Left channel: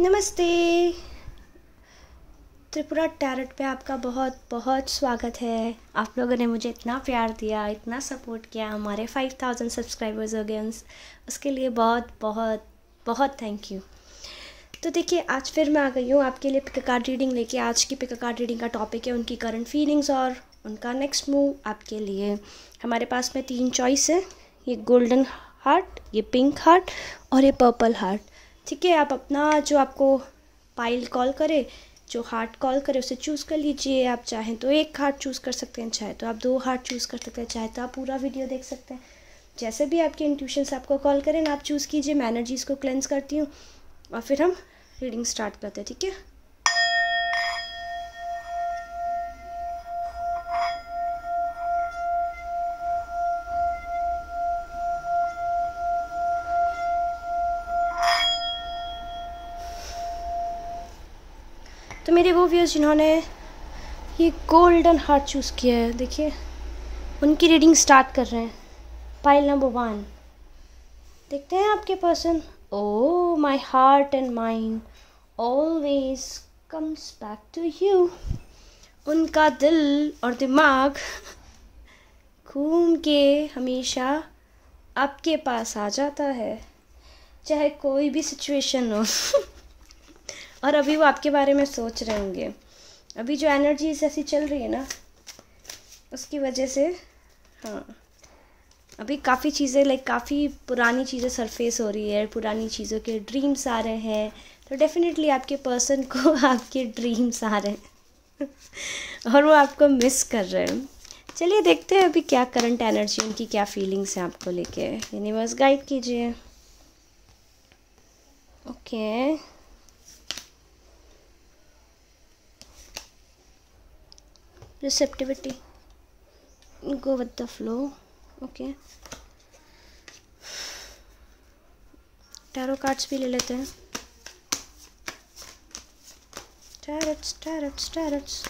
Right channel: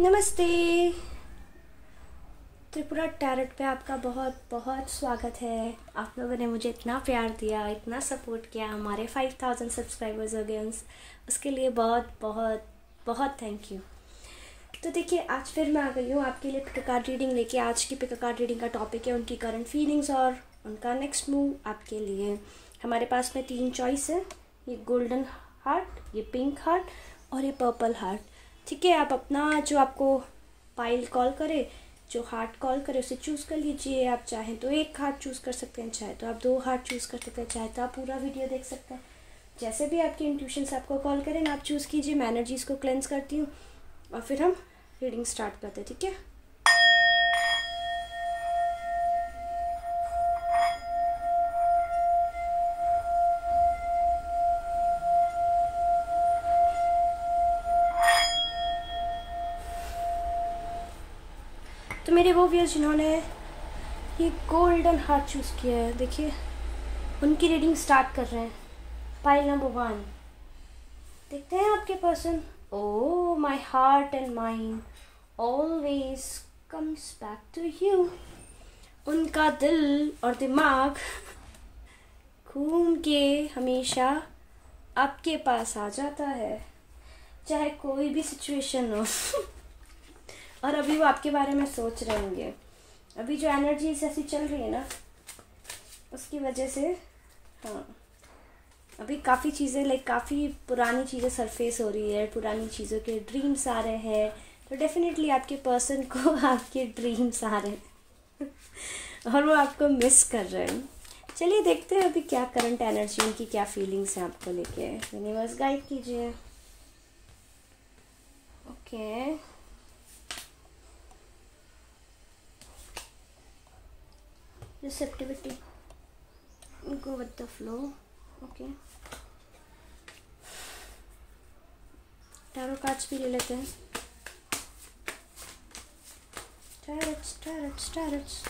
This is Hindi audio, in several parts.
नमस्ते। त्रिपुरा टैरोट पे आपका बहुत बहुत स्वागत है। आप लोगों ने मुझे इतना प्यार दिया, इतना सपोर्ट किया, हमारे 5000 सब्सक्राइबर्स हो गए, उसके लिए बहुत बहुत बहुत थैंक यू। तो देखिए, आज फिर मैं आ गई हूँ आपके लिए पिक कार्ड रीडिंग लेके। आज की पिक कार्ड रीडिंग का टॉपिक है उनकी करंट फीलिंग्स और उनका नेक्स्ट मूव आपके लिए। हमारे पास में 3 चॉइस है, ये गोल्डन हार्ट, ये पिंक हार्ट और ये पर्पल हार्ट। ठीक है, आप अपना जो आपको पाइल कॉल करे, जो हार्ट कॉल करे उसे चूज़ कर लीजिए। आप चाहें तो एक हार्ट चूज़ कर सकते हैं, चाहे तो आप 2 हार्ट चूज़ कर सकते हैं, चाहे तो आप पूरा वीडियो देख सकते हैं। जैसे भी आपके इंट्यूशंस आपको कॉल करें ना, आप चूज़ कीजिए। मैं एनर्जीज़ को क्लेंस करती हूँ और फिर हम रीडिंग स्टार्ट करते हैं। ठीक है, तो मेरे वो व्यूअर्स जिन्होंने ये गोल्डन हार्ट चूज़ किया है, देखिए उनकी रीडिंग स्टार्ट कर रहे हैं। पाइल नंबर 1 देखते हैं आपके person. Oh my heart and mind always comes back to you. उनका दिल और दिमाग घूम के हमेशा आपके पास आ जाता है, चाहे कोई भी सिचुएशन हो। और अभी वो आपके बारे में सोच रहे होंगे। अभी जो एनर्जीज ऐसी चल रही है ना, उसकी वजह से हाँ, अभी काफ़ी चीज़ें काफ़ी पुरानी चीज़ें सरफेस हो रही है, पुरानी चीज़ों के ड्रीम्स आ रहे हैं। तो डेफिनेटली आपके पर्सन को आपके ड्रीम्स आ रहे हैं और वो आपको मिस कर रहे हैं। चलिए देखते हैं अभी क्या करंट एनर्जी, उनकी क्या फीलिंग्स हैं आपको लेके। यूनिवर्स गाइड कीजिए। Okay, receptivity, go with the flow. Okay, tarot cards भी ले लेते हैं। Tarots tarots tarots.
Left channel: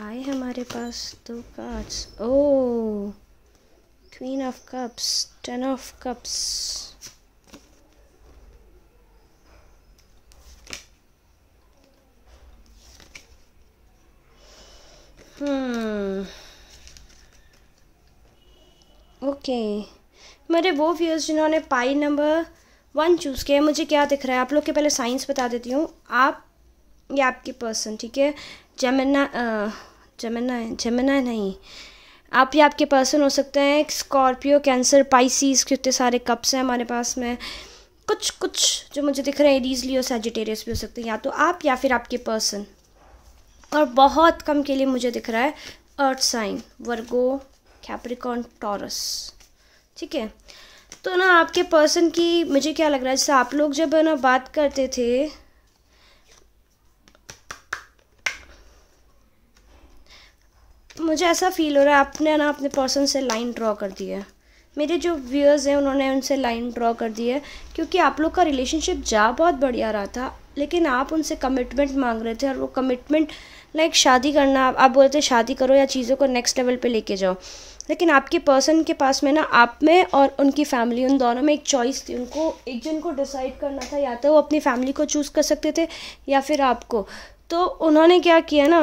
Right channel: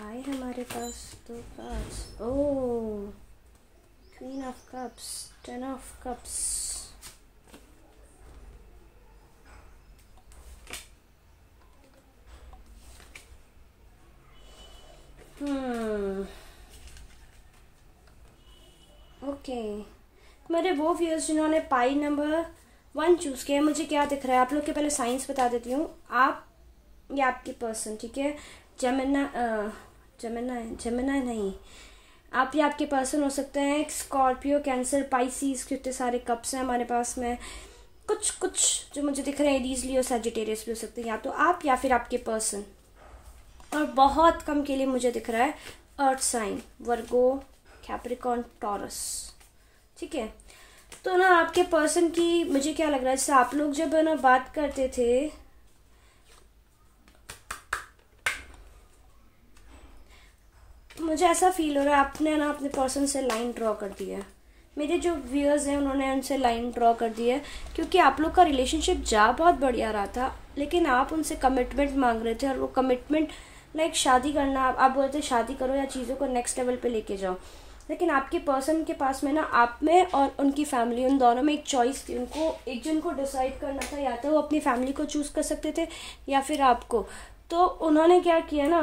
आए हमारे पास 2 cards. Oh, queen of cups, 10 of cups. Okay, मेरे वो व्यूअर्स जिन्होंने पाई नंबर 1 चूज़ किया, मुझे क्या दिख रहा है आप लोग के पहले साइंस बता देती हूँ। आप या आपकी पर्सन, ठीक है, जेमिना नहीं, आप या आपके पर्सन हो सकते हैं स्कॉर्पियो, कैंसर, पाइसिस। कितने सारे कप्स हैं हमारे पास में। कुछ जो मुझे दिख रहे हैं एरीज, लियो, सैजिटेरियस भी हो सकते हैं, या तो आप या फिर आपके पर्सन। और बहुत कम के लिए मुझे दिख रहा है अर्थ साइन, वर्गो, कैप्रिकॉर्न, टॉरस। ठीक है, तो ना आपके पर्सन की मुझे क्या लग रहा है, जैसे आप लोग जब ना बात करते थे, मुझे ऐसा फील हो रहा है आपने ना अपने पर्सन से लाइन ड्रॉ कर दी है। मेरे जो व्यूअर्स हैं उन्होंने उनसे लाइन ड्रॉ कर दी है, क्योंकि आप लोग का रिलेशनशिप जा बहुत बढ़िया रहा था, लेकिन आप उनसे कमिटमेंट मांग रहे थे। और वो कमिटमेंट शादी करना, आप बोलते थे शादी करो या चीज़ों को नेक्स्ट लेवल पे लेके जाओ। लेकिन आपके पर्सन के पास में ना आप में और उनकी फैमिली, उन दोनों में एक चॉइस थी। उनको एक जन को डिसाइड करना था, या तो वो अपनी फैमिली को चूज़ कर सकते थे या फिर आपको। तो उन्होंने क्या किया ना,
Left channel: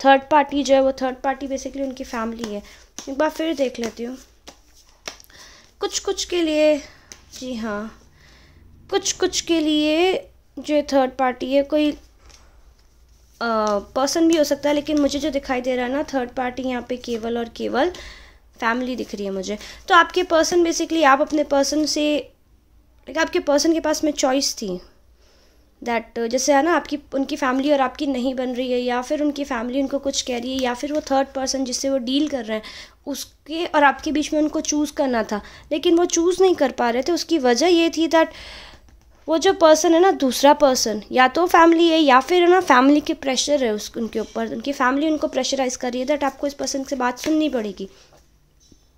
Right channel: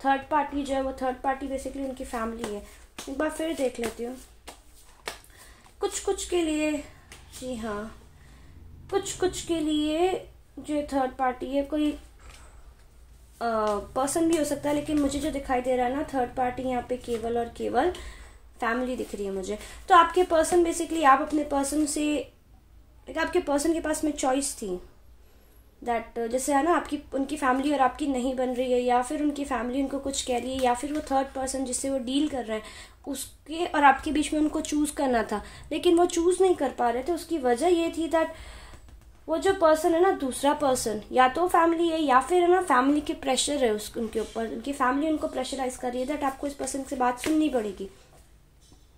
थर्ड पार्टी जो है, वो थर्ड पार्टी बेसिकली उनकी फैमिली है। एक बार फिर देख लेती हूँ। कुछ के लिए, जी हाँ, कुछ के लिए जो थर्ड पार्टी है, कोई पर्सन भी हो सकता है, लेकिन मुझे जो दिखाई दे रहा है ना, थर्ड पार्टी यहाँ पे केवल और केवल फैमिली दिख रही है मुझे। तो आपके पर्सन बेसिकली, आप अपने पर्सन से, आपके पर्सन के पास में चॉइस थी दैट, जैसे है ना, आपकी उनकी फैमिली और आपकी नहीं बन रही है, या फिर उनकी फैमिली उनको कुछ कह रही है, या फिर वो थर्ड पर्सन जिससे वो डील कर रहे हैं उसके और आपके बीच में उनको चूज़ करना था, लेकिन वो चूज़ नहीं कर पा रहे थे। उसकी वजह ये थी दैट वो जो पर्सन है ना, दूसरा पर्सन, या तो फैमिली है या फिर है ना फैमिली के प्रेशर है उनके ऊपर, उनकी फैमिली उनको प्रेशराइज कर रही है दैट आपको इस पर्सन से बात सुननी पड़ेगी।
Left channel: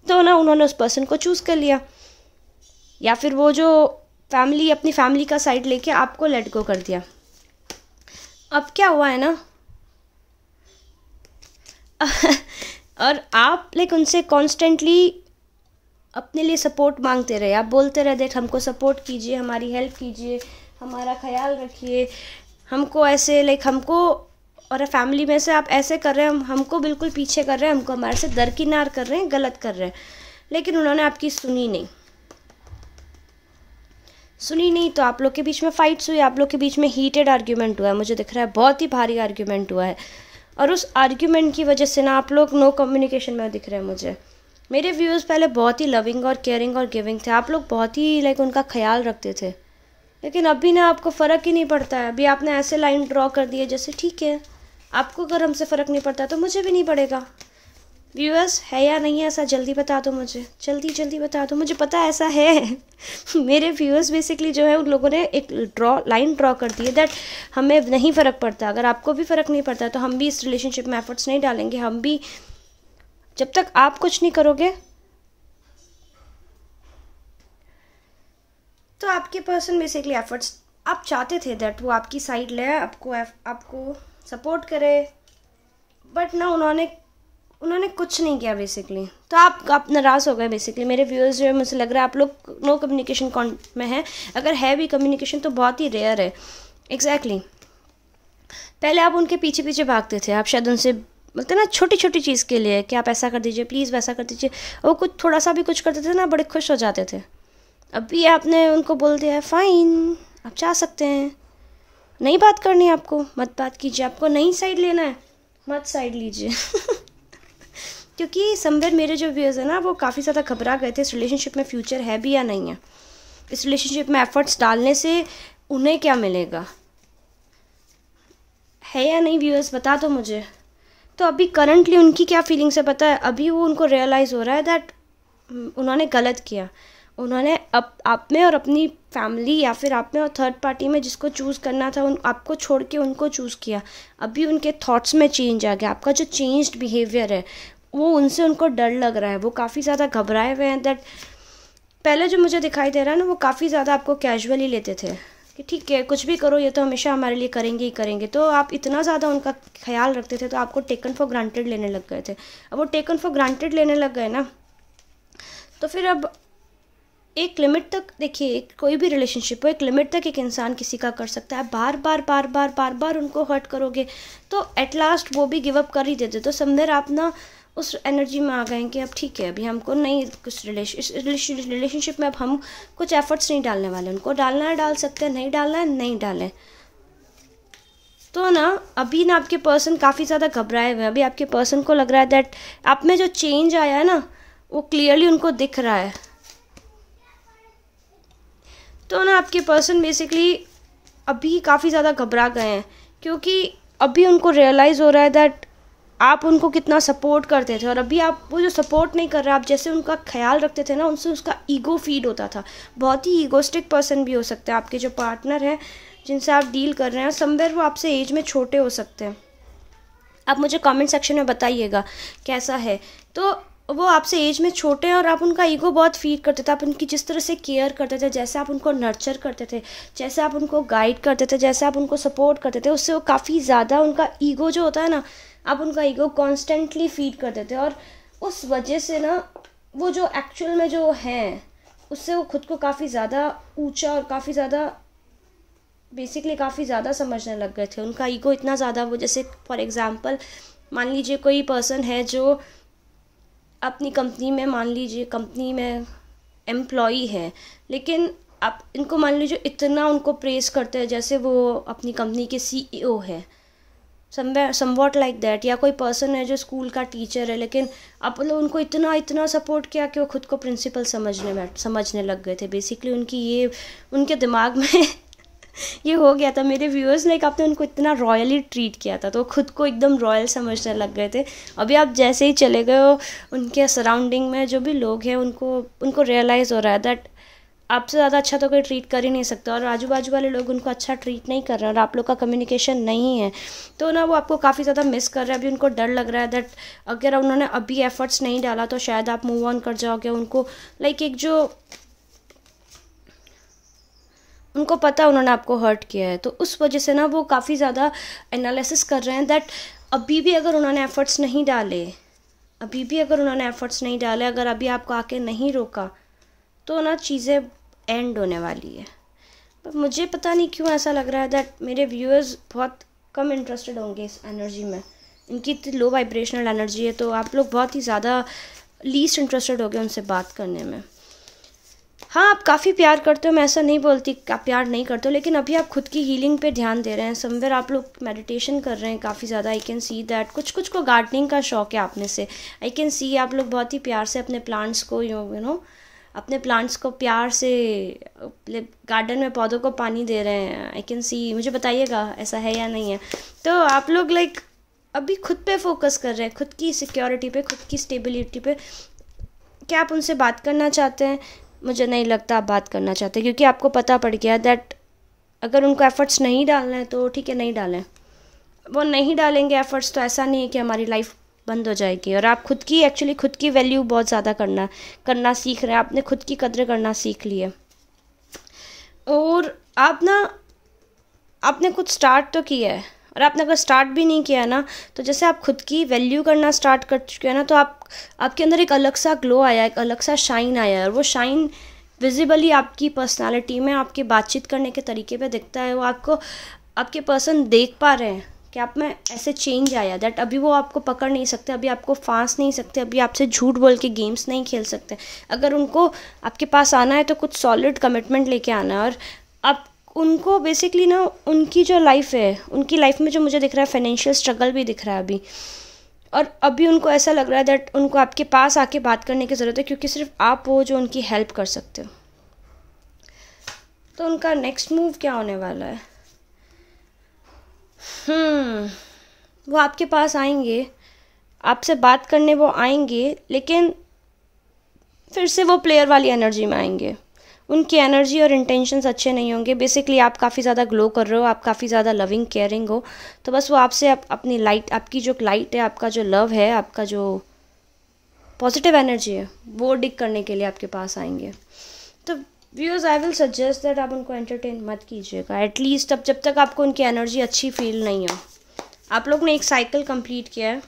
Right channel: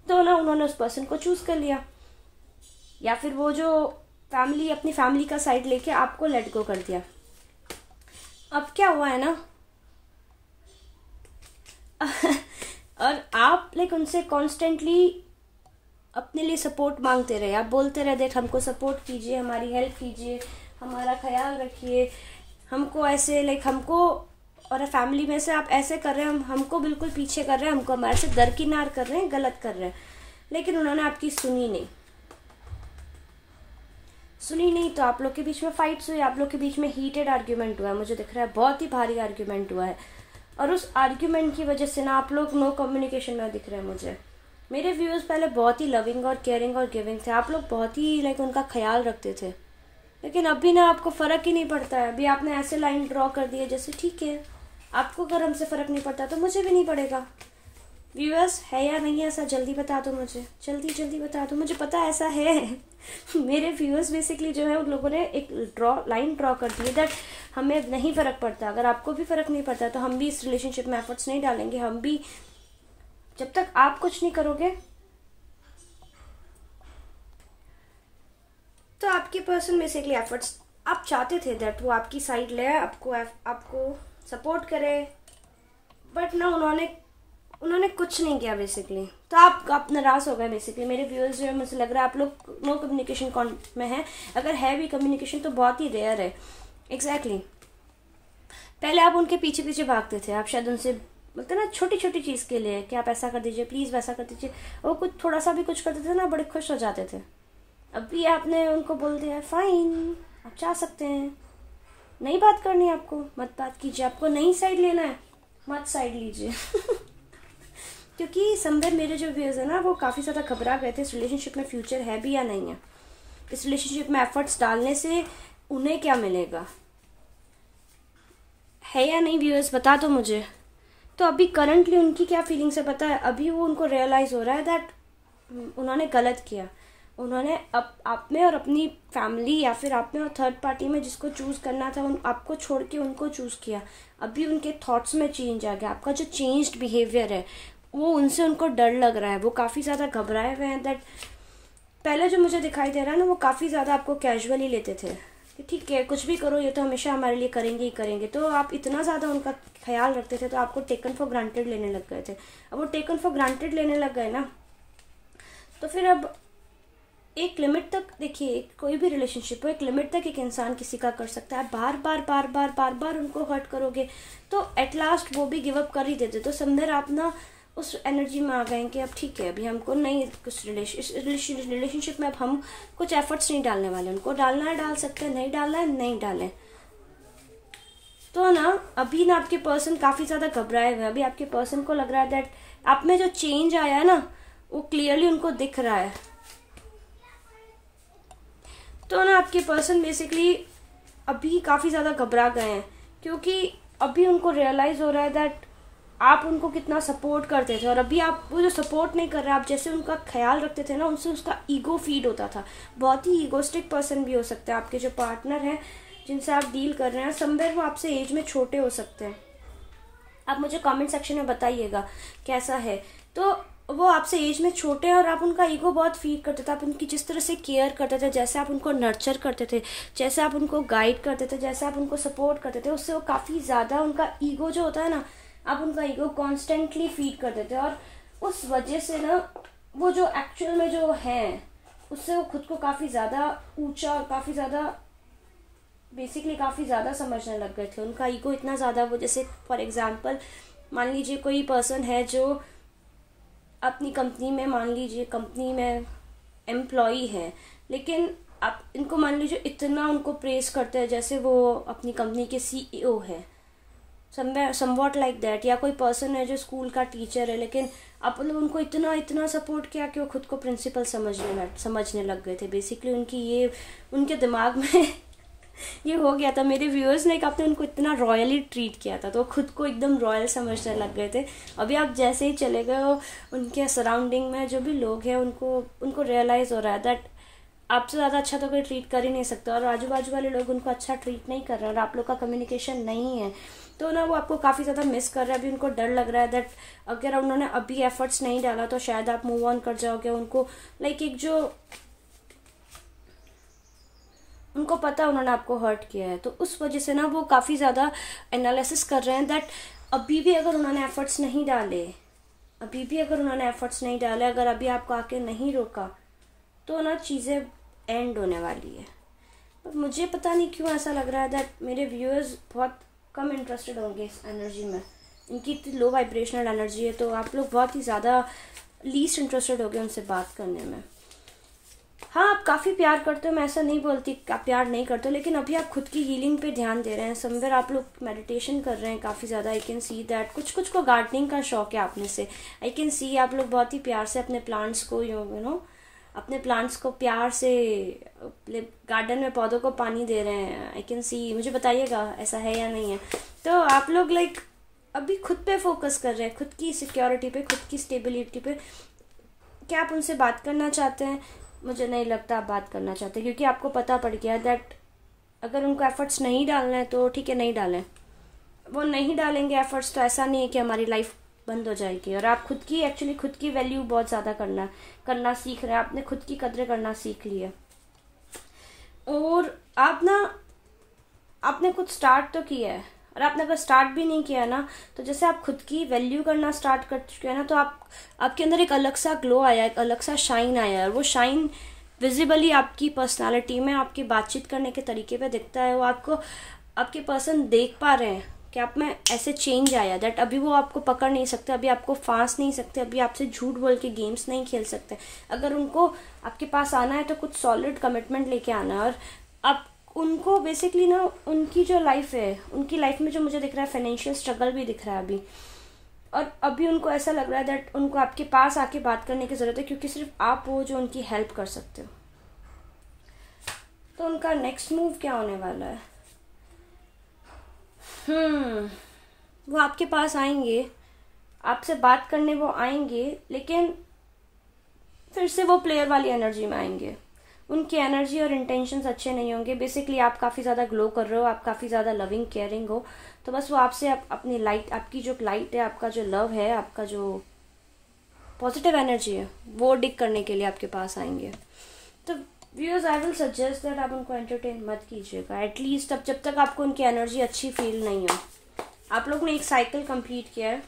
तो ना उन्होंने उस पर्सन को चूज़ कर लिया, या फिर वो जो फैमिली अपनी फैमिली का साइड लेके आपको लेट गो कर दिया। अब क्या हुआ है ना, और आप उनसे कॉन्स्टेंटली अपने लिए सपोर्ट मांगते रहे, आप बोलते रहे दैट हमको सपोर्ट कीजिए, हमारी हेल्प कीजिए, हमारा ख्याल रखिए, हमको ऐसे लाइक हमको और फैमिली में से आप ऐसे कर रहे हैं, हमको बिल्कुल पीछे कर रहे हैं, हमको हमारे से दरकिनार कर रहे हैं, गलत कर रहे हैं। लेकिन उन्होंने आपकी सुनी नहीं, तो आप लोग के बीच में फाइट्स हुई, आप लोग के बीच में हीटेड आर्ग्यूमेंट हुआ है, मुझे दिख रहा है बहुत ही भारी आर्ग्यूमेंट हुआ है। और उस आर्ग्यूमेंट की वजह से ना आप लोग नो कम्युनिकेशन में दिख रहे हैं मुझे। मेरे व्यूअर्स पहले बहुत ही लविंग और केयरिंग और गिविंग थे, आप लोग बहुत ही लाइक उनका ख्याल रखते थे। लेकिन अभी ना आपको फ़र्क ही नहीं पड़ता है। अभी आपने ऐसे लाइन ड्रॉ कर दी है जैसे ठीक है, आपको अगर हमसे फ़र्क नहीं पड़ता तो मुझे भी नहीं पड़ेगा। व्यूअर्स है या नहीं है ऐसा, जल्दी बता दो मुझे, जल्दी बता दो, मुझे पता है ऐसा है। मेरे व्यूअर्स बेसिकली जो है उन लोगों ने एक लाइन ड्रॉ कर दी है दैट हमें नहीं फ़र्क पड़ता। अगर आपको भी फ़र्क नहीं पड़ता तो हम भी इस रिलेशनशिप में एफर्ट्स नहीं डालेंगे। हम भी जब तक आप कुछ नहीं करोगे तो आपके पर्सन बेसिकली एफर्ट्स, आप चाहते थे दैट वो आपकी साइड ले, आपको सपोर्ट करे, बट ना उन्होंने कुछ नहीं किया बेसिकली। तो आप नाराज़ हो गए बेसिकली। मेरे व्यूअर्स जो है, मुझे लग रहा है आप लोग नो कम्युनिकेशन में है। अगर है भी कम्युनिकेशन तो बहुत ही रेयर है। एग्जैक्टली पहले आप उनके पीछे पीछे भागते थे, आप शायद उनसे बोलते ना छोटी छोटी चीज़ के लिए कि आप ऐसा कर दीजिए प्लीज़, वैसा कर दीजिए, वो कुछ थोड़ा सा भी कुछ करते थे ना बड़े खुश हो जाते थे। अभी आपने उनको बोल दिया है फाइन, आप चाह सकते हैं, नहीं बात करनी आपको मत बात कीजिए, आपको नहीं साइड लेना है मत साइड लीजिए। क्योंकि समवेयर मेरे जो व्यूअर्स है ना वो काफ़ी ज़्यादा घबरा गए थे इस रिलेशनशिप में फ्यूचर है भी या नहीं है, इस रिलेशनशिप में एफर्ट्स डालने से उन्हें क्या मिलेगा, है या नहीं व्यूअर्स बता दो मुझे। तो अभी करंटली उनकी क्या फीलिंग्स है पता है, अभी वो उनको रियलाइज़ हो रहा है दैट उन्होंने गलत किया। उन्होंने आप में और अपनी फैमिली या फिर आप में और थर्ड पार्टी में जिसको चूज़ करना था आपको छोड़ के उनको चूज़ किया। अभी उनके थॉट्स में चेंज आ गया, आपका जो चेंज्ड बिहेवियर है वो उनसे उनको डर लग रहा है, वो काफ़ी ज़्यादा घबराए हुए हैं। दैट पहले जो मुझे दिखाई दे रहा है ना वो काफ़ी ज़्यादा आपको कैजुअली लेते थे कि ठीक है कुछ भी करो ये तो हमेशा हमारे लिए करेंगे ही करेंगे। तो आप इतना ज़्यादा उनका ख्याल रखते थे तो आपको टेकन फॉर ग्रांटेड लेने लग गए थे। अब वो टेकन फॉर ग्रांटेड लेने लग गए ना, तो फिर अब एक लिमिट तक देखिए, कोई भी रिलेशनशिप हो एक लिमिट तक एक इंसान किसी का कर सकता है। बार बार उनको हर्ट करोगे तो एट लास्ट वो भी गिव अप कर ही देते। तो समझे आप ना उस एनर्जी में आ गए कि अब ठीक है अभी हमको नहीं कुछ रिलेशनशिप में अब हम कुछ एफर्ट्स नहीं डालने वाले, उनको डालना है डाल सकते हैं, नहीं डालना है नहीं डालें। तो ना अभी ना आपके पर्सन काफ़ी ज़्यादा घबराए हुए हैं। अभी आपके पर्सन को लग रहा है दैट आप में जो चेंज आया है ना वो क्लियरली उनको दिख रहा है। तो ना आपके पर्सन बेसिकली अभी काफ़ी ज़्यादा घबरा गए हैं क्योंकि अभी उनको रियलाइज़ हो रहा है दैट आप उनको कितना सपोर्ट करते थे और अभी आप वो जो सपोर्ट नहीं कर रहे, आप जैसे उनका ख्याल रखते थे ना उनसे उसका ईगो फीड होता था। बहुत ही ईगोस्टिक पर्सन भी हो सकते हैं आपके जो पार्टनर हैं जिनसे आप डील कर रहे हैं। समवेयर वो आपसे एज में छोटे हो सकते हैं, आप मुझे कमेंट सेक्शन में बताइएगा कैसा है। तो वो आपसे एज में छोटे हैं और आप उनका ईगो बहुत फीड करते थे। आप उनकी जिस तरह से केयर करते थे, जैसे आप उनको नर्चर करते थे, जैसे आप उनको गाइड करते थे, जैसे आप उनको सपोर्ट करते थे, उससे वो काफ़ी ज़्यादा उनका ईगो जो होता है ना, आप उनका ईगो कॉन्स्टेंटली फीड करते थे और उस वजह से ना वो जो एक्चुअल में जो है उससे वो खुद को काफ़ी ज़्यादा ऊंचा और काफ़ी ज़्यादा बेसिकली काफ़ी ज़्यादा समझने लग गए थे। उनका ईगो इतना ज़्यादा, वो जैसे फॉर एग्जांपल मान लीजिए कोई पर्सन है जो अपनी कंपनी में, मान लीजिए कंपनी में एम्प्लॉई है, लेकिन आप इनको मान लीजिए इतना उनको प्रेस करते हैं जैसे वो अपनी कंपनी के CEO है, समवॉट लाइक दैट। या कोई पर्सन है जो स्कूल का टीचर है, लेकिन आप लोग उनको इतना सपोर्ट किया कि वो खुद को प्रिंसिपल समझने लग गए थे। बेसिकली उनके दिमाग में ये हो गया था। मेरे व्यूअर्स ने आपने उनको इतना रॉयली ट्रीट किया था तो खुद को एकदम रॉयल समझने लग गए थे। अभी आप जैसे ही चले गए हो उनके सराउंडिंग में जो भी लोग हैं उनको रियलाइज़ हो रहा है दैट आपसे ज़्यादा अच्छा तो कोई ट्रीट कर ही नहीं सकता और आजू बाजू वाले लोग उनको अच्छा ट्रीट नहीं कर रहे हैं और आप लोग का कम्युनिकेशन नहीं है। तो ना वो आपको काफ़ी ज़्यादा मिस कर रहे हैं। अभी उनको डर लग रहा है दैट अगर उन्होंने अभी एफर्ट्स नहीं डाला तो शायद आप मूव ऑन कर जाओगे। उनको लाइक एक जो उनको पता उन्होंने आपको हर्ट किया है, तो उस वजह से ना वो काफ़ी ज़्यादा एनालिसिस कर रहे हैं दैट अभी भी अगर उन्होंने एफर्ट्स नहीं डाले, अभी भी अगर उन्होंने एफर्ट्स नहीं डाले, अगर अभी आपको आके नहीं रोका, तो ना चीज़ें एंड होने वाली है। पर मुझे पता नहीं क्यों ऐसा लग रहा है दैट मेरे व्यूअर्स बहुत कम इंटरेस्टेड होंगे इस एनर्जी में। इनकी इतनी लो वाइब्रेशनल एनर्जी है, तो आप लोग बहुत ही ज़्यादा लीस्ट इंटरेस्टेड हो गए उनसे बात करने में। हाँ, आप काफ़ी प्यार करते हो, मैं ऐसा नहीं बोलती कि आप प्यार नहीं करते हो, लेकिन अभी आप खुद की हीलिंग पे ध्यान दे रहे हैं। समवेयर आप लोग मेडिटेशन कर रहे हैं काफ़ी ज़्यादा। आई कैन सी दैट कुछ को गार्डनिंग का शौक है आप में से। आई कैन सी आप लोग बहुत ही प्यार से अपने प्लांट्स को यू नो अपने प्लांट्स को प्यार से गार्डन में पौधों को पानी दे रहे हैं। आई कैन सी, मुझे बताइएगा ऐसा है या नहीं है। तो आप लोग अभी खुद पे फोकस कर रहे हैं, खुद की सिक्योरिटी पे, खुद की स्टेबिलिटी पे। क्या आप उनसे बात करना चाहते हैं? मुझे नहीं लगता आप बात करना चाहते, क्योंकि आपको पता पड़ गया दैट अगर उनको एफ़र्ट्स नहीं डालना है तो ठीक है, नहीं डालें। वो नहीं डालेंगे एफ़र्ट्स तो ऐसा नहीं है कि हमारी लाइफ बंद हो जाएगी। और आप खुद की वैल्यू बहुत ज़्यादा करना सीख रहे हैं। आपने खुद की कदर करना सीख ली है। और आपने कुछ स्टार्ट तो किया है, और आपने अगर स्टार्ट भी नहीं किया ना, तो जैसे आप खुद की वैल्यू करना स्टार्ट कर चुके हैं ना, तो आपके अंदर एक अलग सा ग्लो आया, एक अलग सा शाइन आया है। और वो शाइन विजिबली आपकी पर्सनालिटी में, आपकी बातचीत करने के तरीके पे दिखता है। वो आपके पर्सन देख पा रहे हैं कि आप में ऐसे चेंज आया दैट अभी वो आपको पकड़ नहीं सकते, अभी आपको फांस नहीं सकते, अभी आपसे झूठ बोल के गेम्स नहीं खेल सकते। अगर उनको आपके पास आना है तो कुछ सॉलिड कमिटमेंट लेके आना है। और आप उनको बेसिकली ना, उनकी जो लाइफ है, उनकी लाइफ में जो मुझे दिख रहा है फाइनेंशियल स्ट्रगल भी दिख रहा है अभी। और अभी उनको ऐसा लग रहा है दैट उनको आपके पास आके बात करने की ज़रूरत है, क्योंकि सिर्फ आप वो जो उनकी हेल्प कर सकते हो। तो उनका नेक्स्ट मूव क्या होने वाला है? वो आपके पास आएंगे, आपसे बात करने वो आएंगे, लेकिन फिर से वो प्लेयर वाली एनर्जी में आएंगे। उनकी एनर्जी और इंटेंशंस अच्छे नहीं होंगे। बेसिकली आप काफ़ी ज़्यादा ग्लो कर रहे हो, आप काफ़ी ज़्यादा लविंग केयरिंग हो, तो बस वो आपसे अपनी लाइट, आपकी जो लाइट है, आपका जो लव है, आपका जो पॉजिटिव एनर्जी है, वो डिग करने के लिए आपके पास आएंगे। तो viewers, I will suggest that आप उनको एंटरटेन मत कीजिएगा, एटलीस्ट जब तक आपको उनकी एनर्जी अच्छी फील नहीं हो। आप लोग ने एक साइकिल कंप्लीट किया है,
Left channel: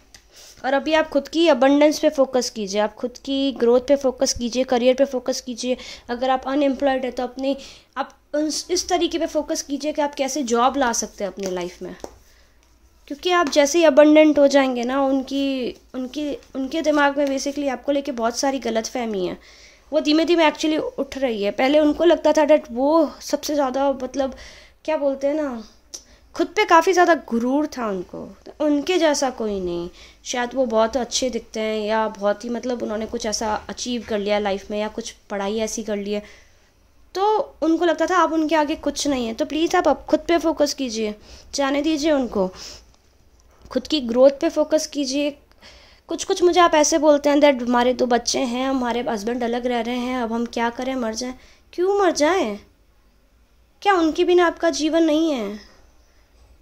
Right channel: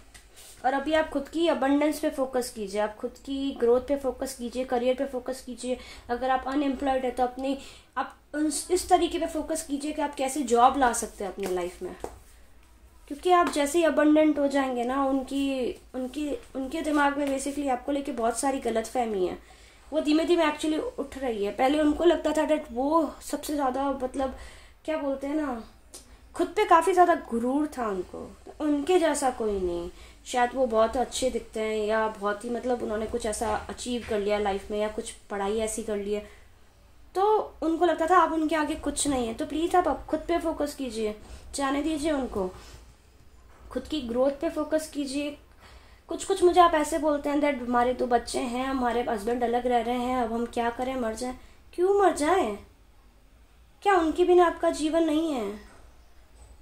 और अभी आप खुद की अबंडेंस पे फोकस कीजिए, आप खुद की ग्रोथ पे फोकस कीजिए, करियर पे फोकस कीजिए। अगर आप अनएम्प्लॉयड है तो आप इस तरीके पे फोकस कीजिए कि आप कैसे जॉब ला सकते हैं अपने लाइफ में। क्योंकि आप जैसे ही अबंडेंट हो जाएंगे ना, उनके दिमाग में बेसिकली आपको लेके बहुत सारी गलतफहमी है। वो धीमे धीमे एक्चुअली उठ रही है। पहले उनको लगता था डैट वो सबसे ज़्यादा, मतलब क्या बोलते हैं ना, खुद पे काफ़ी ज़्यादा गुरूर था उनको। तो उनके जैसा कोई नहीं। शायद वो बहुत अच्छे दिखते हैं, या बहुत ही मतलब उन्होंने कुछ ऐसा अचीव कर लिया लाइफ में, या कुछ पढ़ाई ऐसी कर ली है, तो उनको लगता था आप उनके आगे कुछ नहीं है। तो प्लीज़ आप खुद पे फोकस कीजिए, जाने दीजिए उनको, खुद की ग्रोथ पे फोकस कीजिए। कुछ मुझे आप ऐसे बोलते हैं दैट हमारे 2 बच्चे हैं, हमारे हस्बैंड अलग रह रहे हैं, अब हम क्या करें, मर जाएं। क्यों मर जाएं? क्या उनके बिना आपका जीवन नहीं है?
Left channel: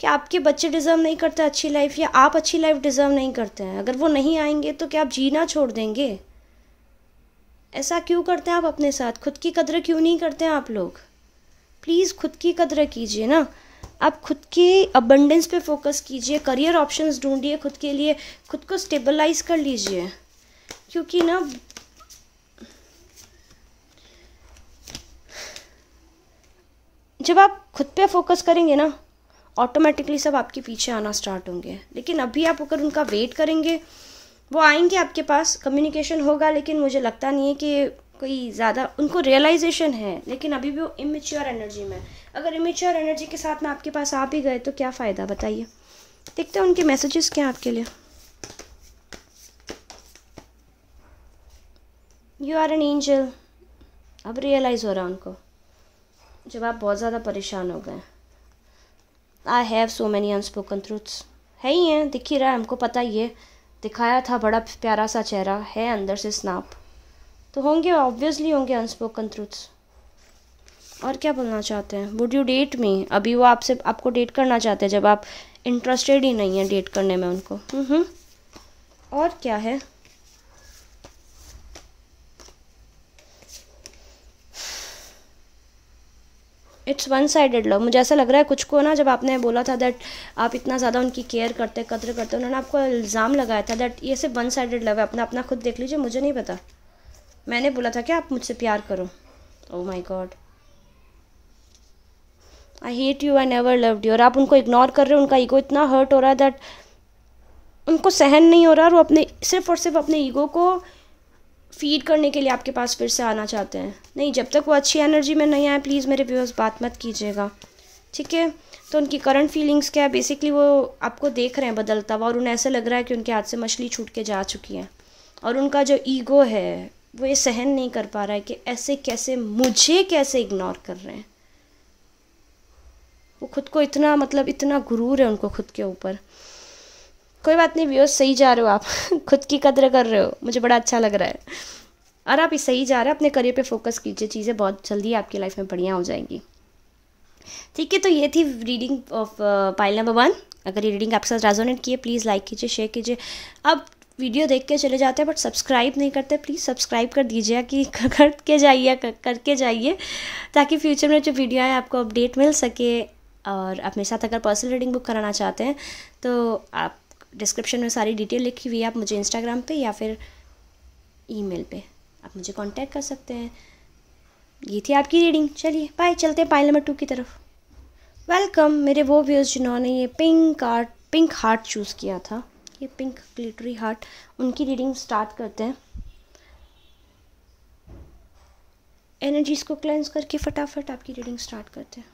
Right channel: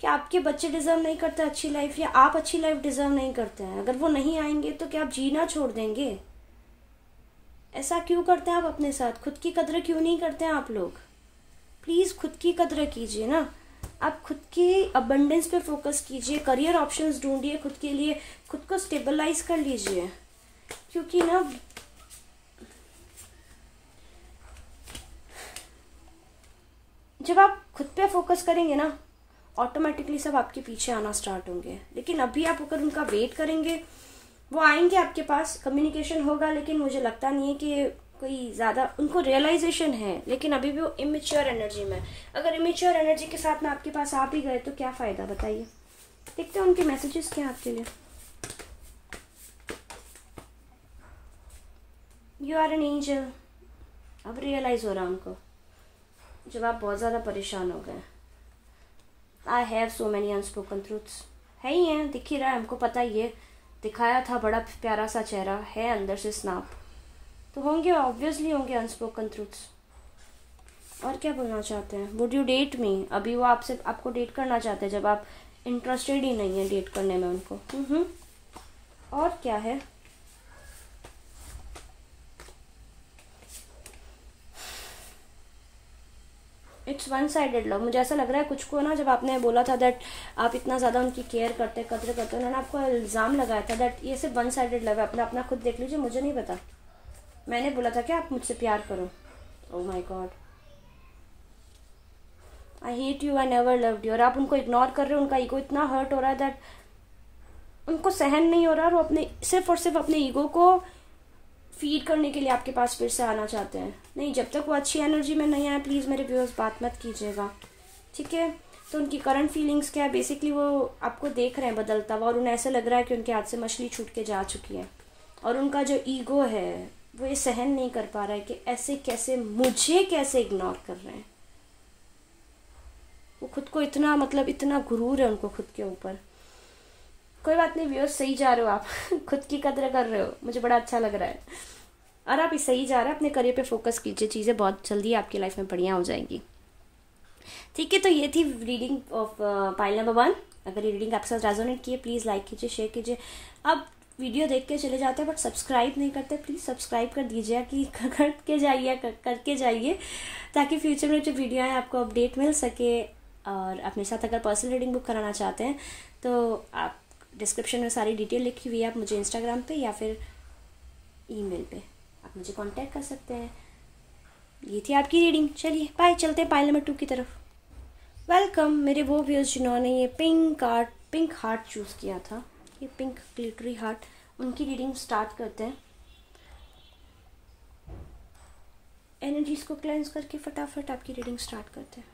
क्या आपके बच्चे डिज़र्व नहीं करते अच्छी लाइफ, या आप अच्छी लाइफ डिज़र्व नहीं करते हैं? अगर वो नहीं आएंगे तो क्या आप जीना छोड़ देंगे? ऐसा क्यों करते हैं आप अपने साथ? खुद की कदर क्यों नहीं करते हैं आप लोग? प्लीज़ खुद की कदर कीजिए ना। आप खुद की अबंडेंस पे फोकस कीजिए, करियर ऑप्शंस ढूंढिए खुद के लिए, खुद को स्टेबलाइज कर लीजिए। क्योंकि ना जब आप खुद पे फोकस करेंगे ना, ऑटोमेटिकली सब आपके पीछे आना स्टार्ट होंगे। लेकिन अभी आप अगर उनका वेट करेंगे, वो आएंगे आपके पास, कम्युनिकेशन होगा, लेकिन मुझे लगता नहीं है कि कोई ज़्यादा उनको रियलाइजेशन है। लेकिन अभी भी वो इमेच्योर एनर्जी में। अगर इमेच्योर एनर्जी के साथ में आपके पास आ भी गए तो क्या फ़ायदा, बताइए। देखते हैं उनके मैसेजेस क्या आपके लिए। You are an angel. अब रियलाइज़ हो रहा है उनको, जब आप बहुत ज़्यादा परेशान हो गए। I have so many unspoken truths. है ही हैं, दिख ही रहा है, हमको पता ही है। दिखाया था बड़ा प्यारा सा चेहरा, है अंदर से स्नाप, तो होंगे, ऑब्वियसली होंगे अनस्पोकन ट्रूथ्स। और क्या बोलना चाहते हैं? वुड यू डेट मी? अभी वो आपको डेट करना चाहते हैं, जब आप इंटरेस्टेड ही नहीं है डेट करने में उनको। और क्या है? It's one sided love. मुझे ऐसा लग रहा है कुछ को ना, जब आपने बोला था दैट आप इतना ज़्यादा उनकी केयर करते कदर करते, उन्होंने आपको इल्ज़ाम लगाया था दैट ये सिर्फ वन साइडेड लव है। अपना अपना खुद देख लीजिए, मुझे नहीं पता। मैंने बोला था कि आप मुझसे प्यार करो। Oh my God, I hate you, I never loved you. और आप उनको इग्नोर कर रहे हो, उनका ईगो इतना हर्ट हो रहा है दैट उनको सहन नहीं हो रहा, और वो अपने सिर्फ और सिर्फ अपने ईगो को फीड करने के लिए आपके पास फिर से आना चाहते हैं। नहीं, जब तक वो अच्छी एनर्जी में नहीं आए प्लीज़ मेरे व्यूअर्स बात मत कीजिएगा, ठीक है। तो उनकी करंट फीलिंग्स क्या है, बेसिकली वो आपको देख रहे हैं बदलता हुआ, और उन्हें ऐसा लग रहा है कि उनके हाथ से मछली छूट के जा चुकी है, और उनका जो ईगो है वो ये सहन नहीं कर पा रहा है कि ऐसे कैसे मुझे कैसे इग्नोर कर रहे हैं। वो खुद को इतना, मतलब इतना गुरूर है उनको खुद के ऊपर। कोई बात नहीं व्यूअर्स, सही जा रहे हो आप खुद की कदर कर रहे हो, मुझे बड़ा अच्छा लग रहा है। और आप सही जा रहे हैं, अपने करियर पे फोकस कीजिए, चीज़ें बहुत जल्दी आपकी लाइफ में बढ़िया हो जाएंगी, ठीक है। तो ये थी रीडिंग ऑफ पाइल नंबर 1। अगर ये रीडिंग आपके साथ रेजोनेट की है प्लीज़ लाइक कीजिए, शेयर कीजिए। अब वीडियो देख के चले जाते हैं बट सब्सक्राइब नहीं करते, प्लीज़ सब्सक्राइब कर दीजिए कि करके जाइए ताकि फ्यूचर में जो वीडियो है आपको अपडेट मिल सके। और आप मेरे साथ अगर पर्सनल रीडिंग बुक कराना चाहते हैं तो आप डिस्क्रिप्शन में सारी डिटेल लिखी हुई है, आप मुझे इंस्टाग्राम पे या फिर ईमेल पे आप मुझे कांटेक्ट कर सकते हैं। ये थी आपकी रीडिंग, चलिए बाय, चलते हैं पाइल नंबर 2 की तरफ। वेलकम मेरे वो व्यूअर्स जिन्होंने ये पिंक हार्ट चूज़ किया था, ये पिंक ग्लिटरी हार्ट, उनकी रीडिंग स्टार्ट करते हैं। एनर्जीज को क्लेंस करके फटाफट आपकी रीडिंग स्टार्ट करते हैं।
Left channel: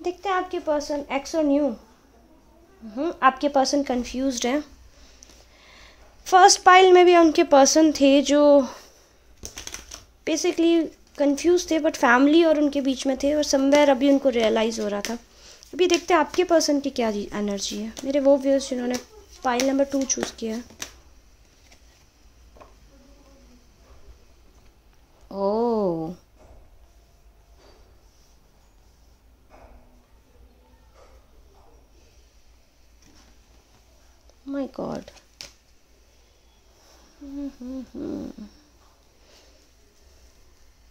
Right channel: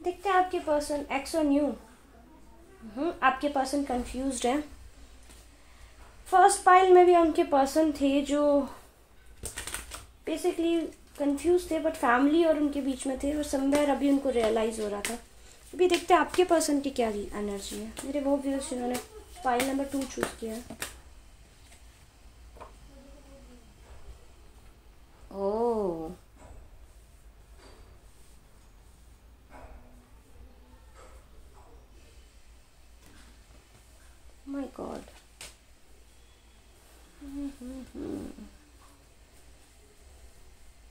देखते हैं आपके पर्सन एक्स और न्यू। आपके पर्सन कंफ्यूज्ड है। फर्स्ट पाइल में भी उनके पर्सन थे जो बेसिकली कंफ्यूज थे, बट फैमिली और उनके बीच में थे, और समवेयर अभी उनको रियलाइज़ हो रहा था। अभी देखते हैं आपके पर्सन की क्या एनर्जी है, मेरे वो व्यूअर्स जिन्होंने पाइल नंबर 2 चूज़ किया है। ओह माय गॉड,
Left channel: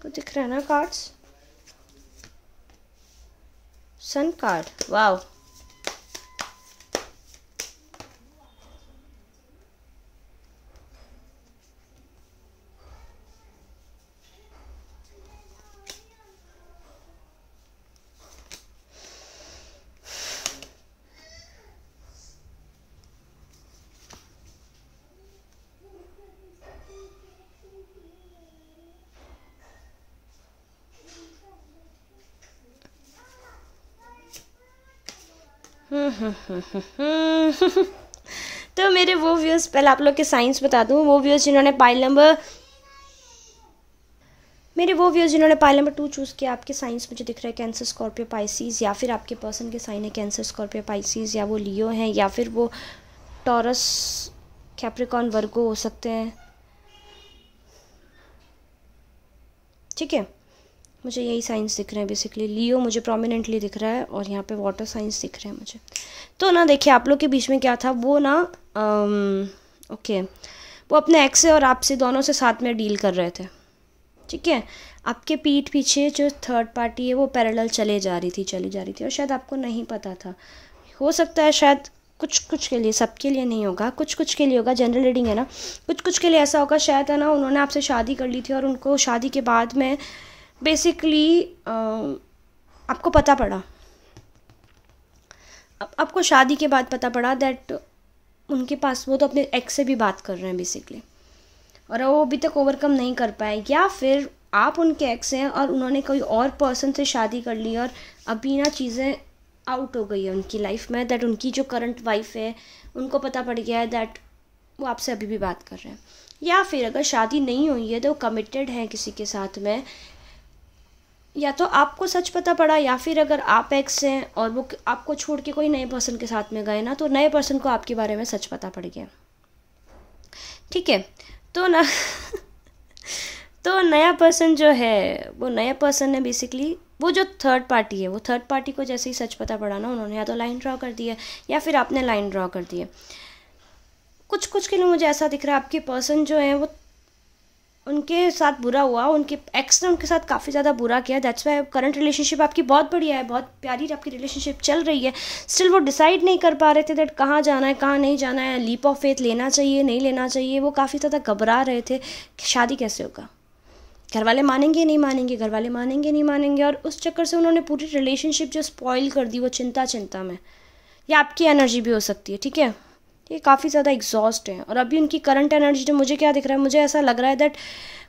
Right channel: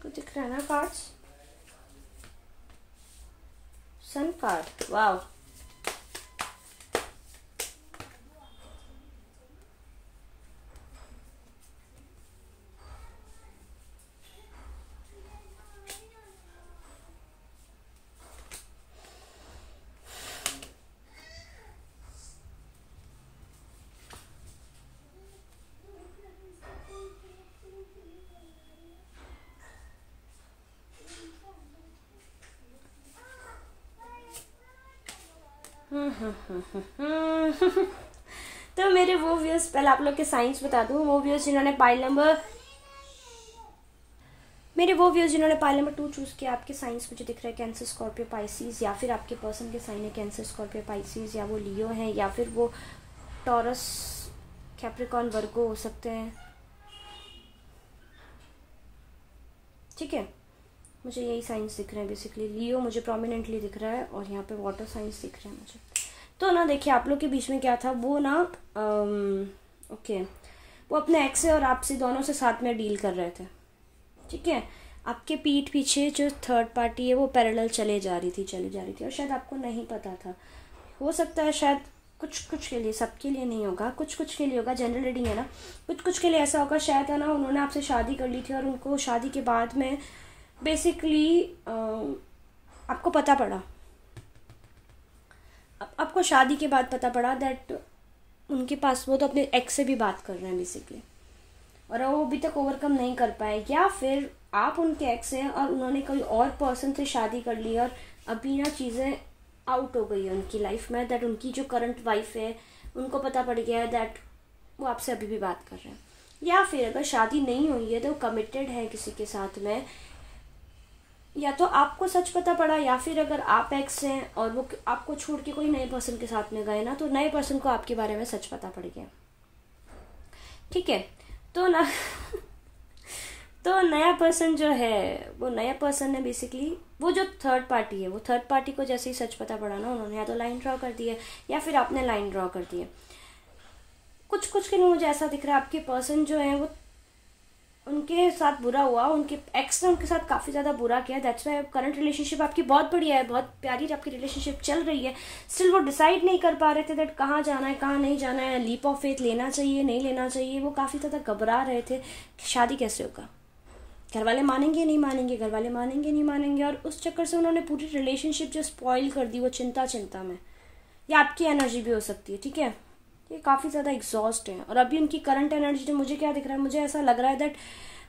को दिख रहा है ना कार्ड्स, सन कार्ड, वाओ। तो मेरे वो व्यूअर्स, पहले आप लोग के साइंस बता दूं, वो व्यूअर्स जिन्होंने पाइल नंबर 2 चूज़ किया, आपके साइंस मुझे दिख रहा है कैंसर, स्कॉर्पियो, पाइसिस, या फिर आपके पर्सन के साइन है कैंसर, स्कॉर्पियो, पाइसिस, या वो लियो हैं, या फिर वो टॉरस, कैप्रिकॉर्न, वर्गो हो सकते हैं, ठीक है। मुझे यही साइंस दिख रहे हैं बेसिकली। लियो मुझे प्रोमिनेंटली दिख रहा है, और यहाँ पे वाटर साइंस दिख रहे हैं मुझे। तो ना देखिए आप लोग के बीच में क्या था, वो ना ओके, वो अपने एक्स से और आपसे दोनों से साथ में डील कर रहे थे, ठीक है। आपके पीठ पीछे जो थर्ड पार्टी है वो पैरेलल चली जा रही थी, और शायद आपको नहीं पता था। हो सकता है शायद कुछ के लिए, सबके लिए नहीं होगा, कुछ के लिए होगा, जनरल रीडिंग है ना, कुछ के लिए ऐसा होगा शायद, है ना, उन्होंने आपसे शादी कर ली थी, और उनको शादी के बाद में बेसिकली आपको पता पड़ा, आपको शादी के बाद पता पड़ा दैट उनके पास, वो तो अपने एक्स से भी बात कर रहे हैं बेसिकली, और वो अभी तक ओवरकम नहीं कर पाए, या फिर आप उनके एक्स हैं और उन्होंने कोई और पर्सन से शादी कर ली, और अभी ना चीज़ें आउट हो गई है उनकी लाइफ में, दैट उनकी जो करंट वाइफ है उनको पता पड़ गया है दैट वो आपसे अभी भी बात कर रहे हैं। या फिर अगर शादी नहीं हुई है तो कमिटेड है किसी के साथ में, या तो आपको सच पता पड़ा, या फिर अगर आप एक्स हैं और वो आपको छोड़ के कोई नए पर्सन के साथ में गए ना, तो नए पर्सन को आपके बारे में सच पता पड़ गया, ठीक है। तो ना तो नया पर्सन जो है, वो नया पर्सन है बेसिकली, वो जो थर्ड पार्टी है, वो थर्ड पार्टी को जैसे ही सच पता पड़ा ना, उन्होंने या तो लाइन ड्रॉ कर दी है, या फिर आपने लाइन ड्रॉ कर दी है। कुछ कुछ के लिए मुझे ऐसा दिख रहा है आपके पर्सन जो है वो उनके साथ बुरा हुआ, उनके एक्स ने उनके साथ काफ़ी ज़्यादा बुरा किया, दैट्स वाई करंट रिलेशनशिप आपकी बहुत बढ़िया है, बहुत प्यारी आपकी रिलेशनशिप चल रही है, स्टिल वो डिसाइड नहीं कर पा रहे थे दैट कहाँ जाना है कहाँ नहीं जाना है, लीप ऑफ फेथ लेना चाहिए नहीं लेना चाहिए, वो काफ़ी ज़्यादा घबरा रहे थे कि शादी कैसे होगा, घर वाले मानेंगे नहीं मानेंगे, घर वाले मानेंगे नहीं मानेंगे, और उस चक्कर से उन्होंने पूरी रिलेशनशिप जो स्पॉइल कर दी वो चिंता में। या आपकी एनर्जी भी हो सकती है, ठीक है, ये काफ़ी ज़्यादा एग्जॉस्ट है। और अभी उनकी करंट एनर्जी जो मुझे क्या दिख रहा है, मुझे ऐसा लग रहा है दैट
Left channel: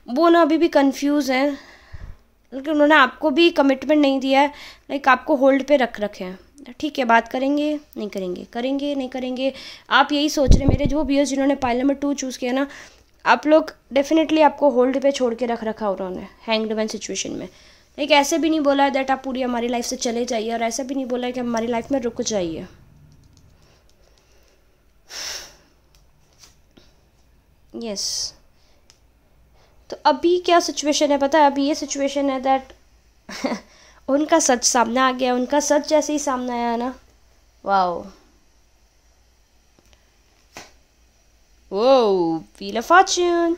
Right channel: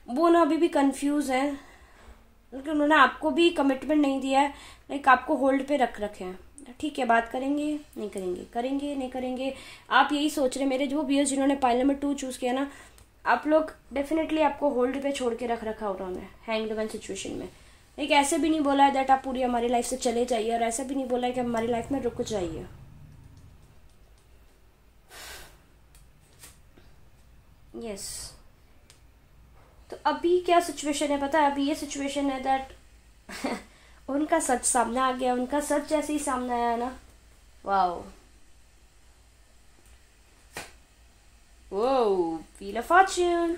वो ना अभी भी कंफ्यूज हैं, लेकिन उन्होंने आपको भी कमिटमेंट नहीं दिया है, लाइक आपको होल्ड पे रख रखे हैं। ठीक है, बात करेंगे नहीं करेंगे, करेंगे नहीं करेंगे, आप यही सोच रहे हैं। मेरे जो व्यूअर्स जिन्होंने पाइल नंबर 2 चूज़ किया ना, आप लोग डेफिनेटली आपको होल्ड पे छोड़ के रख रखा उन्होंने हैंग्ड मैन सिचुएशन में। लाइक ऐसे भी नहीं बोला है दैट आप पूरी हमारी लाइफ से चले जाइए, और ऐसे भी नहीं बोला है कि हमारी लाइफ में रुक जाइए। यस तो अभी क्या सिचुएशन है पता है, अभी ये सिचुएशन है दैट उनका सच सामने आ गया, उनका सच जैसे ही सामने आया ना, वाओ वो व्हील ऑफ फॉर्च्यून,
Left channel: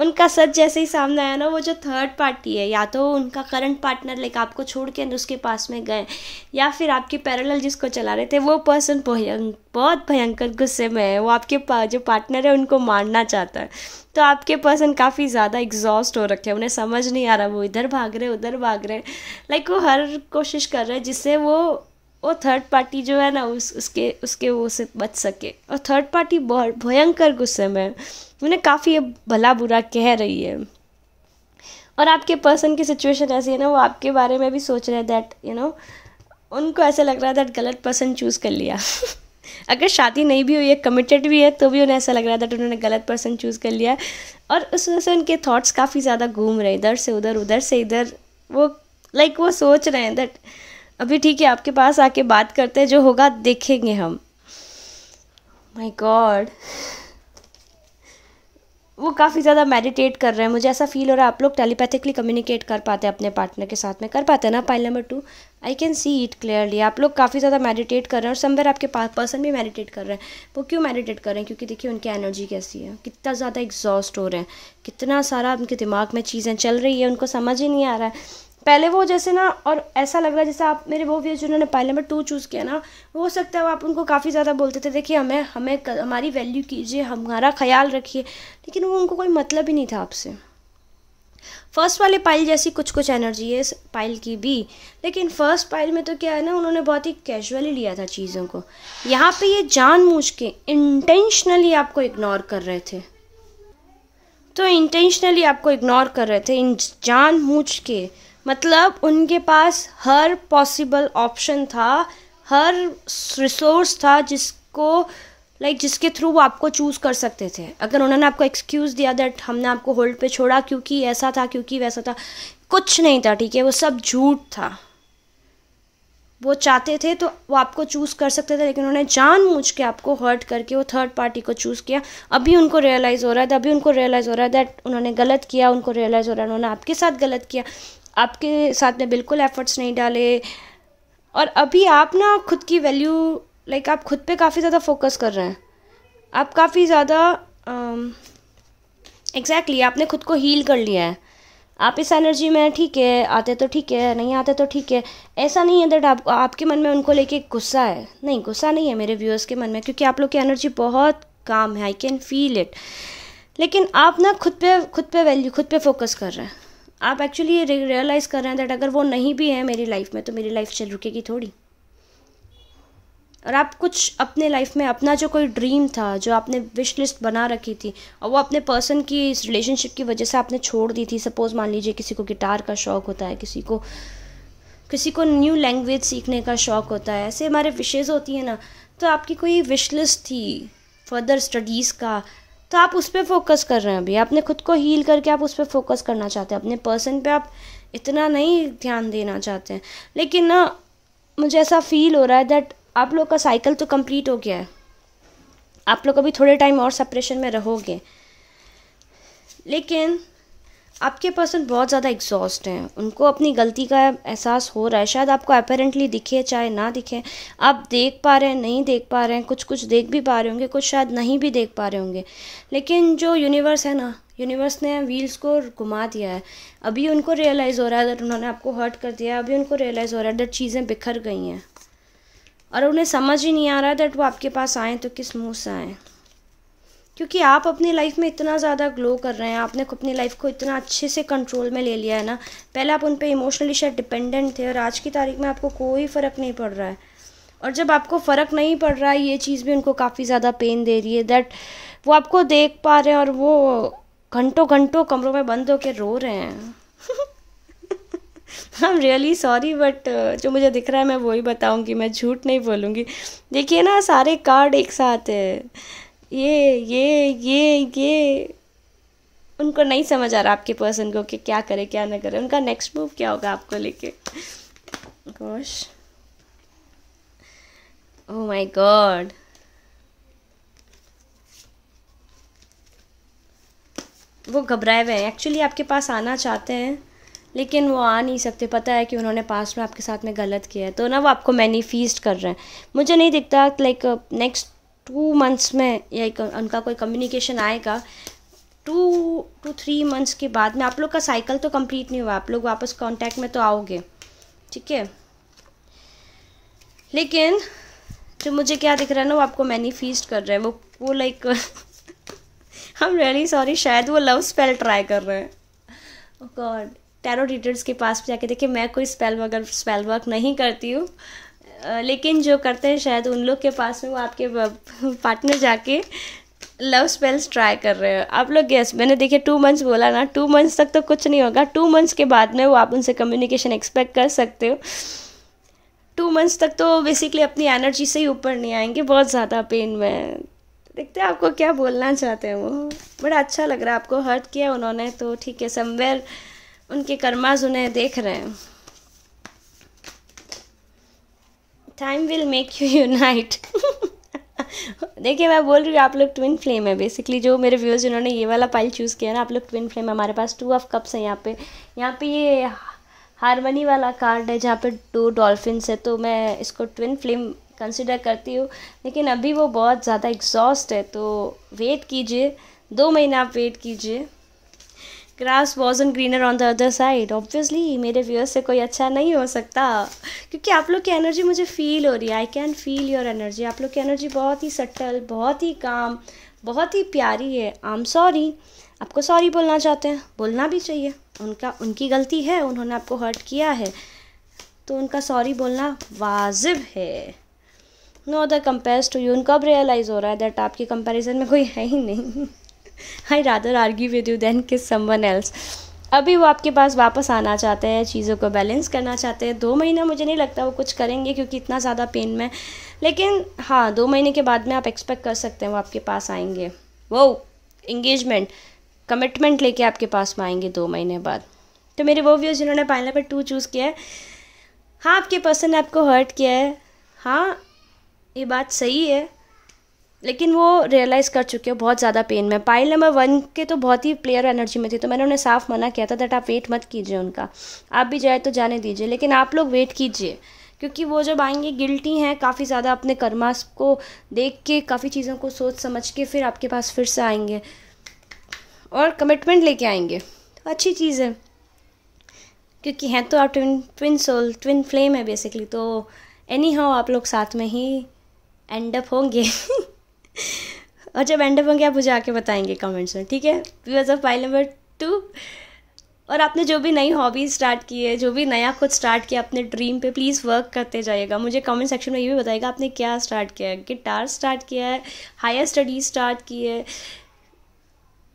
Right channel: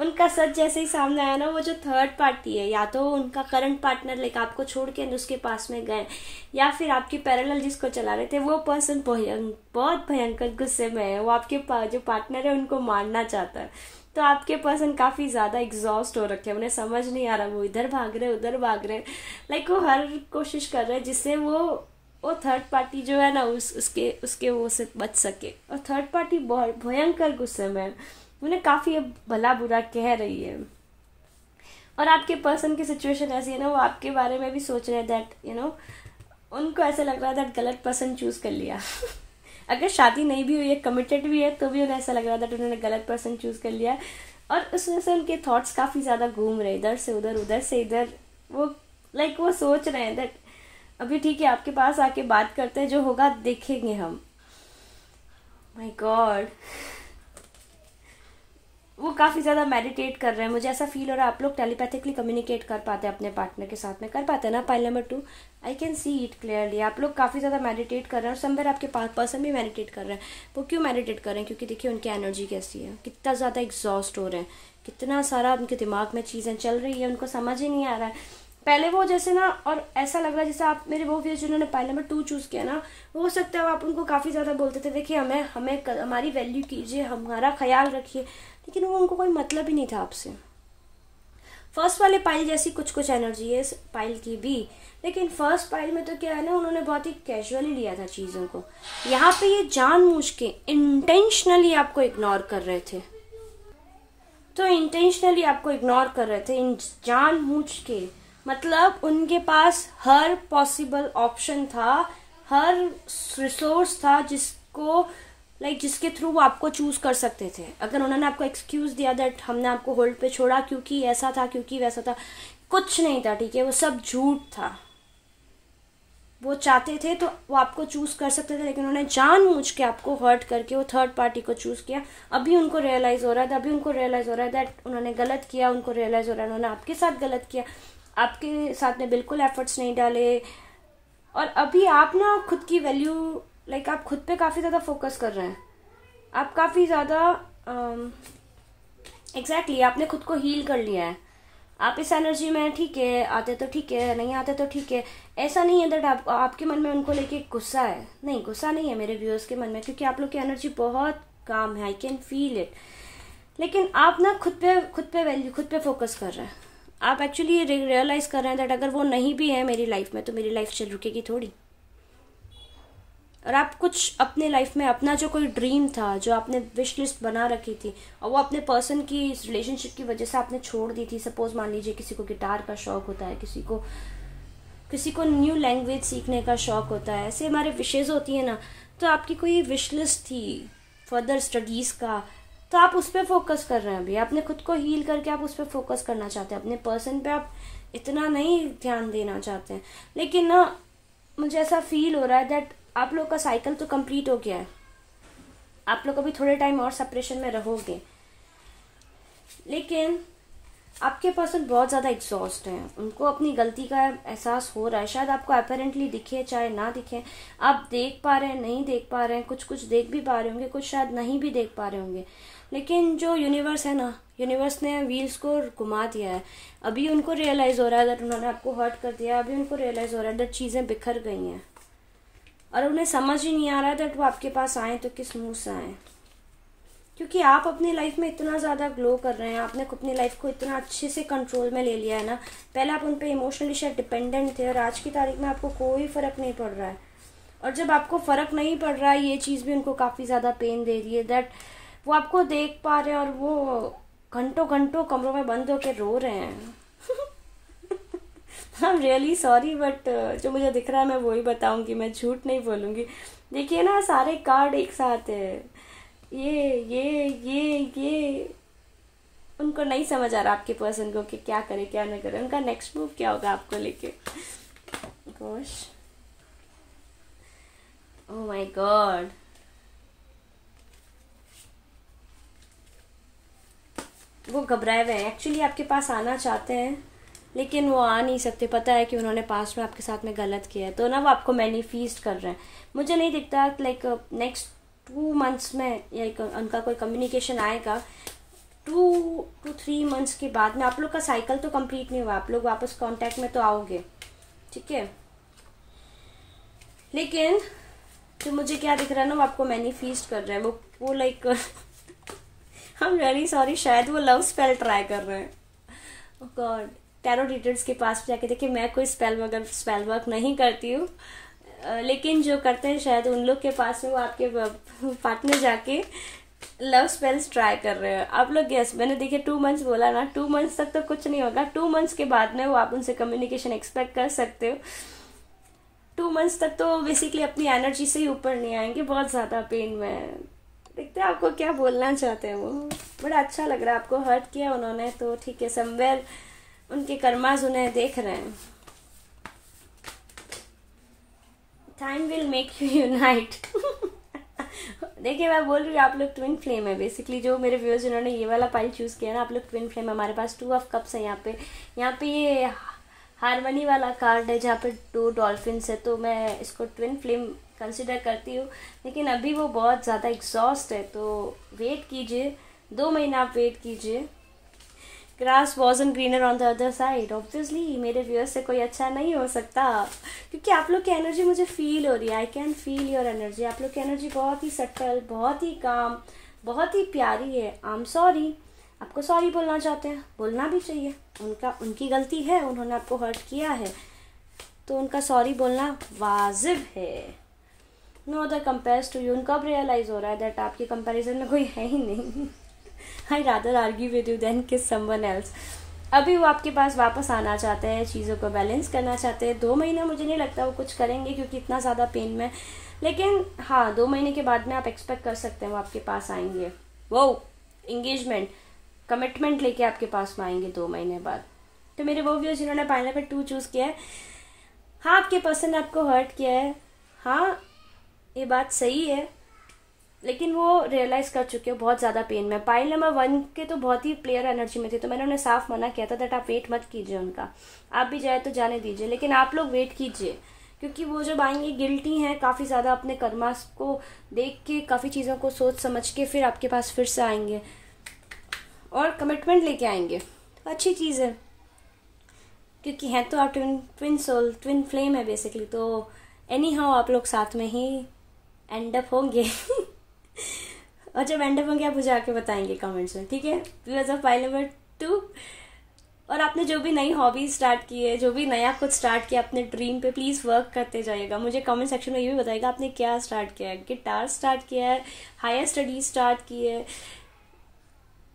उनका सच जैसे ही सामने आया ना, वो जो थर्ड पार्टी है, या तो उनका करंट पार्टनर लाइक आपको छोड़ के उसके पास में गए, या फिर आपके पैरेलल जिसको चला रहे थे वो पर्सन बहुत भयंकर गुस्से में है, वो आपके जो पार्टनर है उनको मारना चाहता है। तो आपके पर्सन काफ़ी ज़्यादा एग्जॉस्ट हो रखे हैं, उन्हें समझ नहीं आ रहा, वो इधर भाग रहे उधर भाग रहे, लाइक वो हर कोशिश कर रहे हैं जिससे वो थर्ड पार्टी जो है ना उसके वो से बच सके। और थर्ड पार्टी बहुत भयंकर गुस्से में है, उन्हें काफ़ी भला बुरा कह रही है। और आपके पर्सन की सिचुएशन ऐसी है ना, वो आपके बारे में भी सोच रहे हैं दैट उनको ऐसा लग रहा है दैट गलत पर्सन चूज़ कर लिया अगर शादी नहीं भी हुई है, कमिटेड भी है, तो भी उन्हें ऐसा लग रहा है दैट उन्होंने गलत पर्सन चूज़ कर लिया। और उस वजह से उनके थॉट्स काफ़ी ज़्यादा घूम रहे हैं, इधर से उधर उधर से इधर। वो वो सोच रहे हैं दैट अभी ठीक है, आपके पास आके बात करते हैं, जो होगा देखेंगे हम। माय गॉड, वो काफ़ी ज़्यादा मेडिटेट कर रहे हैं, मुझे ऐसा फील हो रहा है आप लोग टेलीपैथिकली कम्युनिकेट कर पाते हैं अपने पार्टनर के साथ में, कर पाते हैं ना pile number 2, I can see it clearly. आप लोग काफ़ी ज़्यादा मेडिटेट कर रहे हैं, और समवेयर आपके पर्सन भी मेडिटेट कर रहे हैं। वो क्यों मेडिटेट कर रहे हैं, क्योंकि देखिए उनकी एनर्जी कैसी है, कितना ज़्यादा एग्जॉस्ट हो रहे हैं, कितना सारा उनके दिमाग में चीज़ें चल रही है, उनको समझ ही नहीं आ रहा है। पहले वो जैसे ना, और ऐसा लग रहा है जैसे आप मेरे वो व्यूअर्स जिन्होंने पाइल नंबर 2 चूज़ किया ना, हो सकता है आप उनको काफ़ी ज़्यादा बोलते थे देखिए हमें हमारी वैल्यू कीजिए, हमारा ख्याल रखिए, लेकिन वो उनको कोई मतलब ही नहीं था आपसे। फर्स्ट वाले पाइल जैसी कुछ एनर्जी है इस पाइल की भी, लेकिन फर्स्ट पाइल में तो क्या है ना, उन्होंने बहुत ही कैजुअली लिया था चीज़ों को। यहाँ पे ये जानबूझ के इंटेंशनली आपको इग्नोर कर रहे थे, तो इंटेंशनली आपको इग्नोर कर रहे थे जानबूझ के, मतलब उनके पास हर पॉसिबल ऑप्शन था, हर रिसोर्स था जिसके थ्रू वो आपको चूज़ कर सकते थे। अगर उन्होंने आपको एक्सक्यूज़ दिया दैट हमने आपको होल्ड पे छोड़ा क्योंकि ऐसा था, क्योंकि वैसा था, कुछ नहीं था, ठीक है, वो सब झूठ था। वो चाहते थे तो वो आपको चूज़ कर सकते थे, लेकिन उन्होंने जानबूझ के आपको हर्ट करके वो थर्ड पार्टी को चूज़ किया। अभी उनको रियलाइज़ हो रहा है, दैट उन्होंने गलत किया, उनको रियलाइज़ हो रहा है उन्होंने आपके साथ गलत किया, आपके साथ में बिल्कुल एफर्ट्स नहीं डाले। और अभी आप ना खुद की वैल्यू आप खुद पे काफ़ी ज़्यादा फोकस कर रहे हैं, आप काफ़ी ज़्यादा एग्जैक्टली आपने खुद को हील कर लिया है। आप इस एनर्जी में ठीक है, आते तो ठीक है, नहीं आते तो ठीक है, ऐसा नहीं है दैट आपके मन में उनको लेके गुस्सा है, नहीं गुस्सा नहीं है मेरे व्यूअर्स के मन में, क्योंकि आप लोग की एनर्जी बहुत काम है, आई कैन फील इट। लेकिन आप ना खुद पे फोकस कर रहे हैं, आप एक्चुअली ये रियलाइज़ कर रहे हैं दैट अगर वो नहीं भी है मेरी लाइफ में तो मेरी लाइफ चल रुकेगी थोड़ी। और आप कुछ अपने लाइफ में अपना जो कोई ड्रीम था, जो आपने विश लिस्ट बना रखी थी, और वो अपने पर्सन की इस रिलेशनशिप की वजह से आपने छोड़ दी थी। सपोज़ मान लीजिए किसी को गिटार का शौक़ होता है, किसी को न्यू लैंग्वेज सीखने का शौक़ होता है, ऐसे हमारे विशेज़ होती हैं ना। तो आपकी कोई विश लिस्ट थी फर्दर स्टडीज़ का, तो आप उस पर फोकस कर रहे हैं। अभी आपने खुद को हील करके आप उस पर फोकस करना चाहते हैं, अपने पर्सन पे आप इतना नहीं ध्यान देना चाहते हैं। लेकिन ना मुझे ऐसा फील हो रहा है दैट आप लोग का साइकिल तो कंप्लीट हो गया है, आप लोग अभी थोड़े टाइम और सेपरेशन में रहोगे, लेकिन आपके पर्सन बहुत ज़्यादा एग्जॉस्ट हैं, उनको अपनी गलती का एहसास हो रहा है, शायद आपको अपेरेंटली दिखे चाहे ना दिखे, आप देख पा रहे हैं नहीं देख पा रहे हैं, कुछ कुछ देख भी पा रहे होंगे, कुछ शायद नहीं भी देख पा रहे होंगे, लेकिन जो यूनिवर्स है ना, यूनिवर्स ने व्हील्स को घुमा दिया है। अभी उनको रियलाइज़ हो रहा है दैट उन्होंने आपको हर्ट कर दिया है, अभी उनको रियलाइज़ हो रहा है दैट चीज़ें बिखर गई हैं और उन्हें समझ ही नहीं आ रहा है दैट वो आपके पास आएँ तो किस मुँह से आएँ, क्योंकि आप अपनी लाइफ में इतना ज़्यादा ग्लो कर रहे हैं, आपने अपनी लाइफ को इतना अच्छे से कंट्रोल में ले लिया है ना। पहले आप उन पे इमोशनली शायद डिपेंडेंट थे और आज की तारीख में आपको कोई फ़र्क नहीं पड़ रहा है, और जब आपको फ़र्क नहीं पड़ रहा है ये चीज़ भी उनको काफ़ी ज़्यादा पेन दे रही है दैट वो आपको देख पा रहे हैं और वो घंटों घंटों कमरों में बंद होकर रो रहे हैं। I am really sorry but जो मुझे दिख रहा है मैं वही बताऊंगी, मैं झूठ नहीं बोलूँगी। देखिए ना, सारे कार्ड एक साथ है, ये उनको नहीं समझ आ रहा आपके पर्सन को कि क्या करे क्या ना करे, उनका नेक्स्ट मूव क्या होगा आपको लेके। गोश, ओह माय गॉड, वो घबराए हुए हैं, एक्चुअली आपके पास आना चाहते हैं लेकिन वो आ नहीं सकते, पता है कि उन्होंने पास्ट में आपके साथ में गलत किया है, तो ना वो आपको मैनिफेस्ट कर रहे हैं। मुझे नहीं दिखता लाइक नेक्स्ट 2 मंथ्स में या उनका कोई कम्युनिकेशन आएगा। 2 to 3 मंथ्स के बाद में आप लोग का साइकिल तो कंप्लीट नहीं हुआ, आप लोग वापस कांटेक्ट में तो आओगे, ठीक है, लेकिन जो मुझे क्या दिख रहा है ना, वो आपको मैनिफेस्ट कर रहे हैं, वो like I am really sorry, शायद वो लव स्पेल ट्राई कर रहे हैं। ओह गॉड, टैरो रीडर्स के पास जाके देखिए, मैं कोई स्पेल वर्क नहीं करती हूँ, लेकिन जो करते हैं शायद उन लोग के पास में वो आपके पार्टनर जाके लव स्पेल्स ट्राई कर रहे हैं। आप लोग गेस, मैंने देखिए 2 मंथ्स बोला ना, 2 मंथ्स तक तो कुछ नहीं होगा, 2 मंथ्स के बाद में वो आप उनसे कम्युनिकेशन एक्सपेक्ट कर सकते हो। 2 मंथ्स तक तो बेसिकली अपनी एनर्जी से ही ऊपर नहीं आएंगे, बहुत ज़्यादा पेन में। देखते हैं आपको क्या बोलना चाहते हैं वो। बड़ा अच्छा लग रहा है, आपको हर्ट किया उन्होंने तो ठीक है, समवेयर उनके कर्माज उन्हें देख रहे हैं। Time will make you unite. देखिए मैं बोल रही हूँ, आप लोग ट्विन फ्लेम है बेसिकली। जो मेरे व्यूअर्स जिन्होंने ये वाला पाइल चूज़ किया ना, आप लोग ट्विन फ्लेम है। हमारे पास 2 ऑफ कप्स है यहाँ पे ये हारमनी वाला कार्ड है जहाँ पे 2 डॉल्फिन्स है, तो मैं इसको ट्विन फ्लेम कंसिडर करती हूँ। लेकिन अभी वो बहुत ज़्यादा एग्जॉस्ट है, तो वेट कीजिए, 2 महीना आप वेट कीजिए। Grass वॉजन greener on the other side, obviously मेरे व्यूअर्स से कोई अच्छा नहीं हो सकता, क्योंकि आप लोग की एनर्जी मुझे फील हो रही है। I can feel your energy. आप लोग की एनर्जी बहुत ही सटल, बहुत ही काम, बहुत ही प्यारी है। आई एम सॉरी, आपको सॉरी बोलना चाहते हैं, बोलना भी चाहिए, उनकी गलती है, उन्होंने आपको हर्ट किया है तो उनका सॉरी बोलना वाजिब है। No other compares to you. उनको अब रियलाइज़ हो रहा है दैट आपकी कंपैरिजन में कोई है ही नहीं। I rather argue with you than kiss someone else. अभी वो आपके पास वापस आना चाहते हैं, चीज़ों को बैलेंस करना चाहते हैं। 2 महीना मुझे नहीं लगता वो कुछ करेंगे क्योंकि इतना ज़्यादा पेन में, लेकिन हाँ 2 महीने के बाद में आप एक्सपेक्ट कर सकते हैं वो आपके पास आएंगे। वो एंगेजमेंट, कमिटमेंट लेके आपके पास में आएंगे 2 महीने बाद। तो मेरे वो व्यूअर्स जिन्होंने पाइल नंबर 2 चूज़ किया है, हाँ आपके पर्सन ने आपको हर्ट किया है, हाँ ये बात सही है, लेकिन वो रियलाइज़ कर चुके हो बहुत ज़्यादा पेन में। पाइल नंबर 1 के तो बहुत ही प्लेयर एनर्जी में थी, तो मैंने उन्हें साफ मना किया था दैट आप वेट मत कीजिए उनका, आप भी जाए तो जाने दीजिए, लेकिन आप लोग वेट कीजिए, क्योंकि वो जब आएंगे गिल्टी हैं काफ़ी ज़्यादा, अपने कर्मास को देख के, काफ़ी चीज़ों को सोच समझ के फिर आपके पास फिर से आएंगे और कमिटमेंट लेके आएंगे। तो अच्छी चीज़ है, क्योंकि हैं तो आप ट्विन सोल, ट्विन फ्लेम है बेसिकली, तो एनी हाउ आप लोग साथ में ही एंड अप होंगे। और जब एंड अप होंगे आप मुझे आके बताएंगे कमेंट्स में, ठीक है। व्यूअर्स ऑफ पाइल नंबर 2, और आपने जो भी नई हॉबी स्टार्ट की है, जो भी नया कुछ स्टार्ट किया अपने ड्रीम पे, प्लीज़ वर्क करते जाइएगा। मुझे कमेंट सेक्शन में ये भी बताइएगा आपने क्या स्टार्ट किया है। गिटार स्टार्ट किया है, हायर स्टडीज स्टार्ट की है,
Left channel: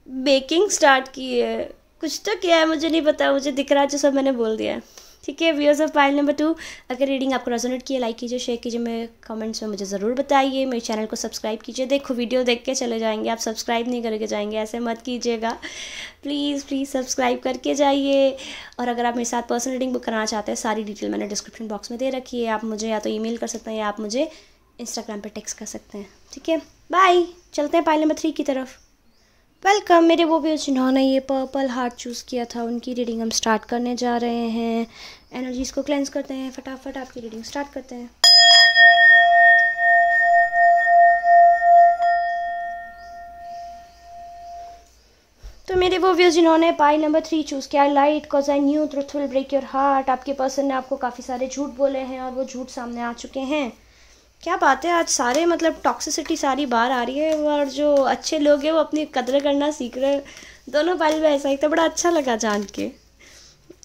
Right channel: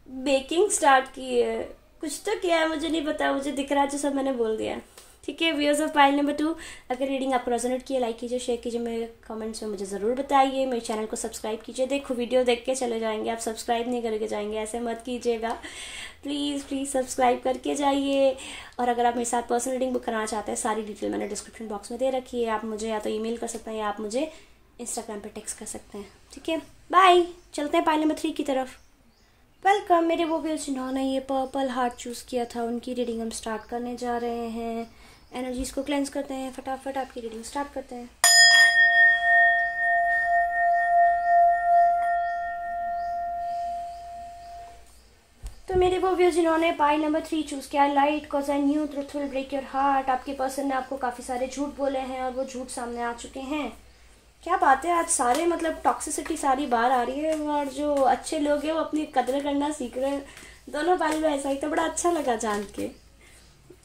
बेकिंग स्टार्ट की है, कुछ तो किया है, मुझे नहीं पता, मुझे दिख रहा है जो सब मैंने बोल दिया है, ठीक है। व्यूअर्स ऑफ पाइल नंबर 2, अगर रीडिंग आपको रेजोनेट किया, लाइक कीजिए, शेयर कीजिए, मेरे कमेंट्स में मुझे ज़रूर बताइए। मेरे चैनल को सब्सक्राइब कीजिए। देखो वीडियो देख के चले जाएंगे, आप सब्सक्राइब नहीं करके जाएंगे, ऐसे मत कीजिएगा, प्लीज़ प्लीज़ सब्सक्राइब करके जाइए। और अगर आप मेरे साथ पर्सनल रीडिंग बुक कराना चाहते हैं, सारी डिटेल मैंने डिस्क्रिप्शन बॉक्स में दे रखी है। आप मुझे या तो ईमेल कर सकते हैं या आप मुझे इंस्टाग्राम पर टेक्स्ट कर सकते हैं, ठीक है। बाय, चलते हैं पाइल नंबर 3 की तरफ। वेलकम मेरे वो व्यूअर्स जिन्होंने ये पर्पल हार्ट चूज़ किया था, उनकी रीडिंग हम स्टार्ट करने जा रहे हैं। एनर्जीज़ को क्लेंस करते हैं, फटाफट आपकी रीडिंग स्टार्ट करते हैं। तो मेरे वो व्यूअर्स जिन्होंने पाई नंबर 3 चूज़ किया, light cause I knew truth will break your heart. आपके पर्सन ने आपको काफ़ी सारे झूठ बोले हैं और वो झूठ सामने आ चुके हैं। क्या बात है, आज सारे मतलब टॉक्सिसिटी सारी बाहर आ रही है और जो अच्छे लोग हैं वो अपनी कदर करना सीख रहे हैं। दोनों पल में ऐसा ही तो बड़ा अच्छा लगा जान के।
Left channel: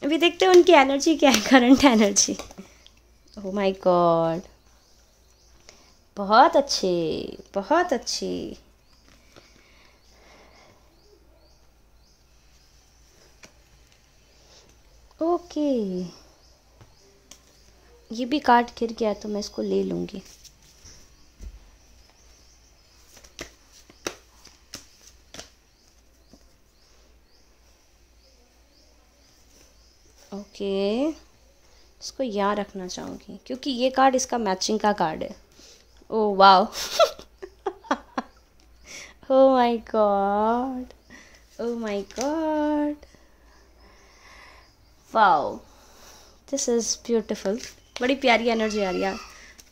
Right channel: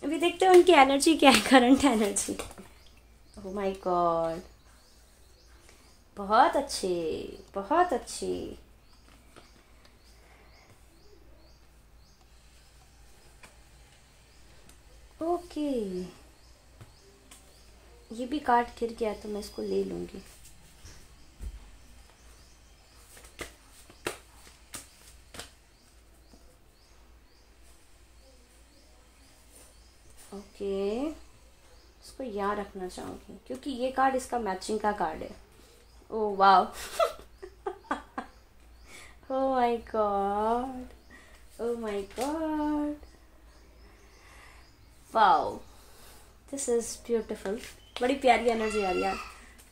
अभी देखते हैं उनकी एनर्जी क्या है, current energy. Oh my God, बहुत अच्छे, बहुत अच्छे। ओके, ये भी कार्ड गिर गया तो मैं इसको ले लूँगी। ओके, इसको यहाँ रखना चाहूँगी क्योंकि ये कार्ड इसका मैचिंग का कार्ड है। Oh wow, oh my God, oh my God, wow, this is beautiful. बड़ी प्यारी एनर्जी आ रही है।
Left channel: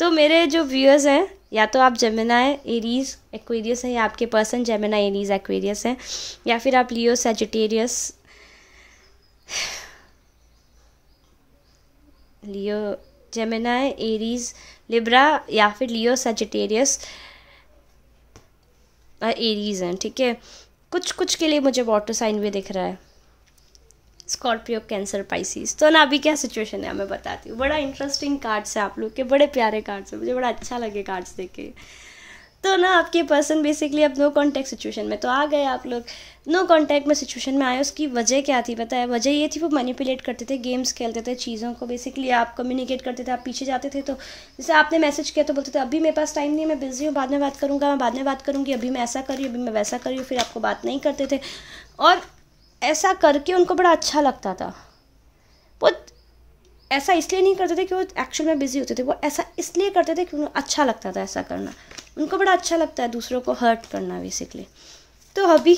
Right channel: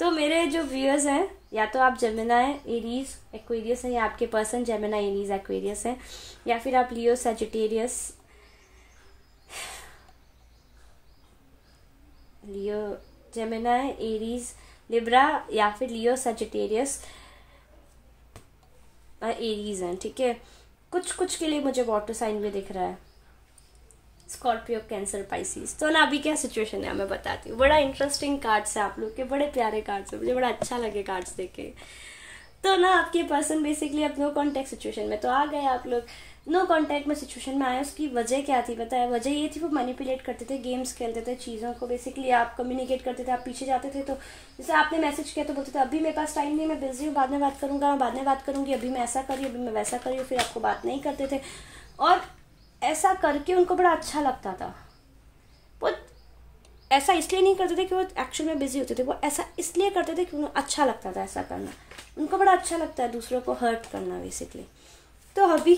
तो मेरे जो व्यूअर्स हैं, या तो आप जेमिनाई, एरीज, एक्वेरियस हैं, या आपके पर्सन जेमिनाई, एरीज, एक्वेरियस हैं, या फिर आप लियो, सजिटेरियस, लियो, जेमिनाई, एरीज, लिब्रा, या फिर लियो, सजिटेरियस और एरीज हैं। ठीक है, कुछ कुछ के लिए मुझे वाटर साइन भी दिख रहा है, स्कॉर्पियो, कैंसर, पाइसिस। तो ना अभी क्या सिचुएशन है मैं बताती हूँ। बड़ा इंटरेस्टिंग कार्ड्स है आप लोग के, बड़े प्यारे कार्ड्स है, मुझे बड़ा अच्छा लगे कार्ड्स देख के। तो ना आपके पर्सन बेसिकली अब नो कॉन्टैक्ट सिचुएशन में तो आ गए आप लोग। नो कॉन्टैक्ट में सिचुएशन में आए, उसकी वजह क्या थी पता है? वजह ये थी वो मैनिपुलेट करते थे, गेम्स खेलते थे, चीज़ों को बेसिकली आप कम्युनिकेट करते थे, आप पीछे जाते थे। तो जैसे आपने मैसेज किया तो बोलते थे अभी मेरे पास टाइम नहीं है, मैं बिजी हूँ, बाद में बात करूँगा, मैं बाद में बात करूँगी, अभी मैं ऐसा कर रही हूँ, अभी मैं वैसा कर रही हूँ। फिर आपको बात नहीं करते थे और ऐसा करके उनको बड़ा अच्छा लगता था। वो ऐसा इसलिए नहीं करते थे कि वो एक्चुअल में बिजी होते थे, वो ऐसा इसलिए करते थे कि उन्हें अच्छा लगता था ऐसा करना। उनको बड़ा अच्छा लगता है दूसरों को हर्ट करना बेसिकली। तो अभी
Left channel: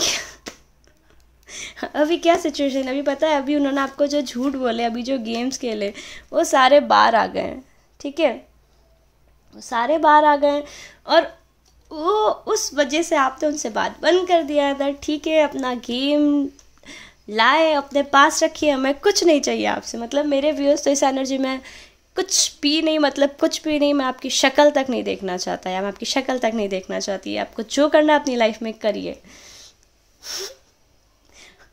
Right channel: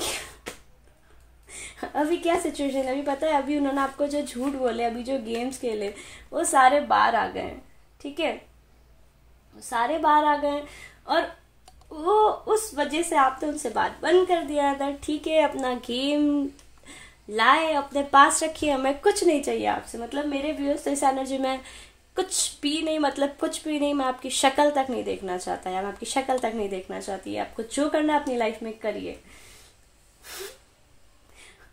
क्या सिचुएशन है अभी पता है? अभी उन्होंने आपको जो झूठ बोले, अभी जो गेम्स खेले, वो सारे बाहर आ गए हैं। ठीक है, वो सारे बाहर आ गए और वो उस वजह से आपने उनसे बात बंद कर दिया था। ठीक है, अपना गेम लाए अपने पास रखिए, हमें कुछ नहीं चाहिए आपसे। मतलब मेरे व्यूअर्स तो इस एनर्जी में कुछ भी नहीं, मतलब कुछ भी नहीं। मैं आपकी शक्ल तक नहीं देखना चाहता, या मैं आपकी शक्ल तक नहीं देखना चाहती। आपको जो करना अपनी लाइफ में करिए।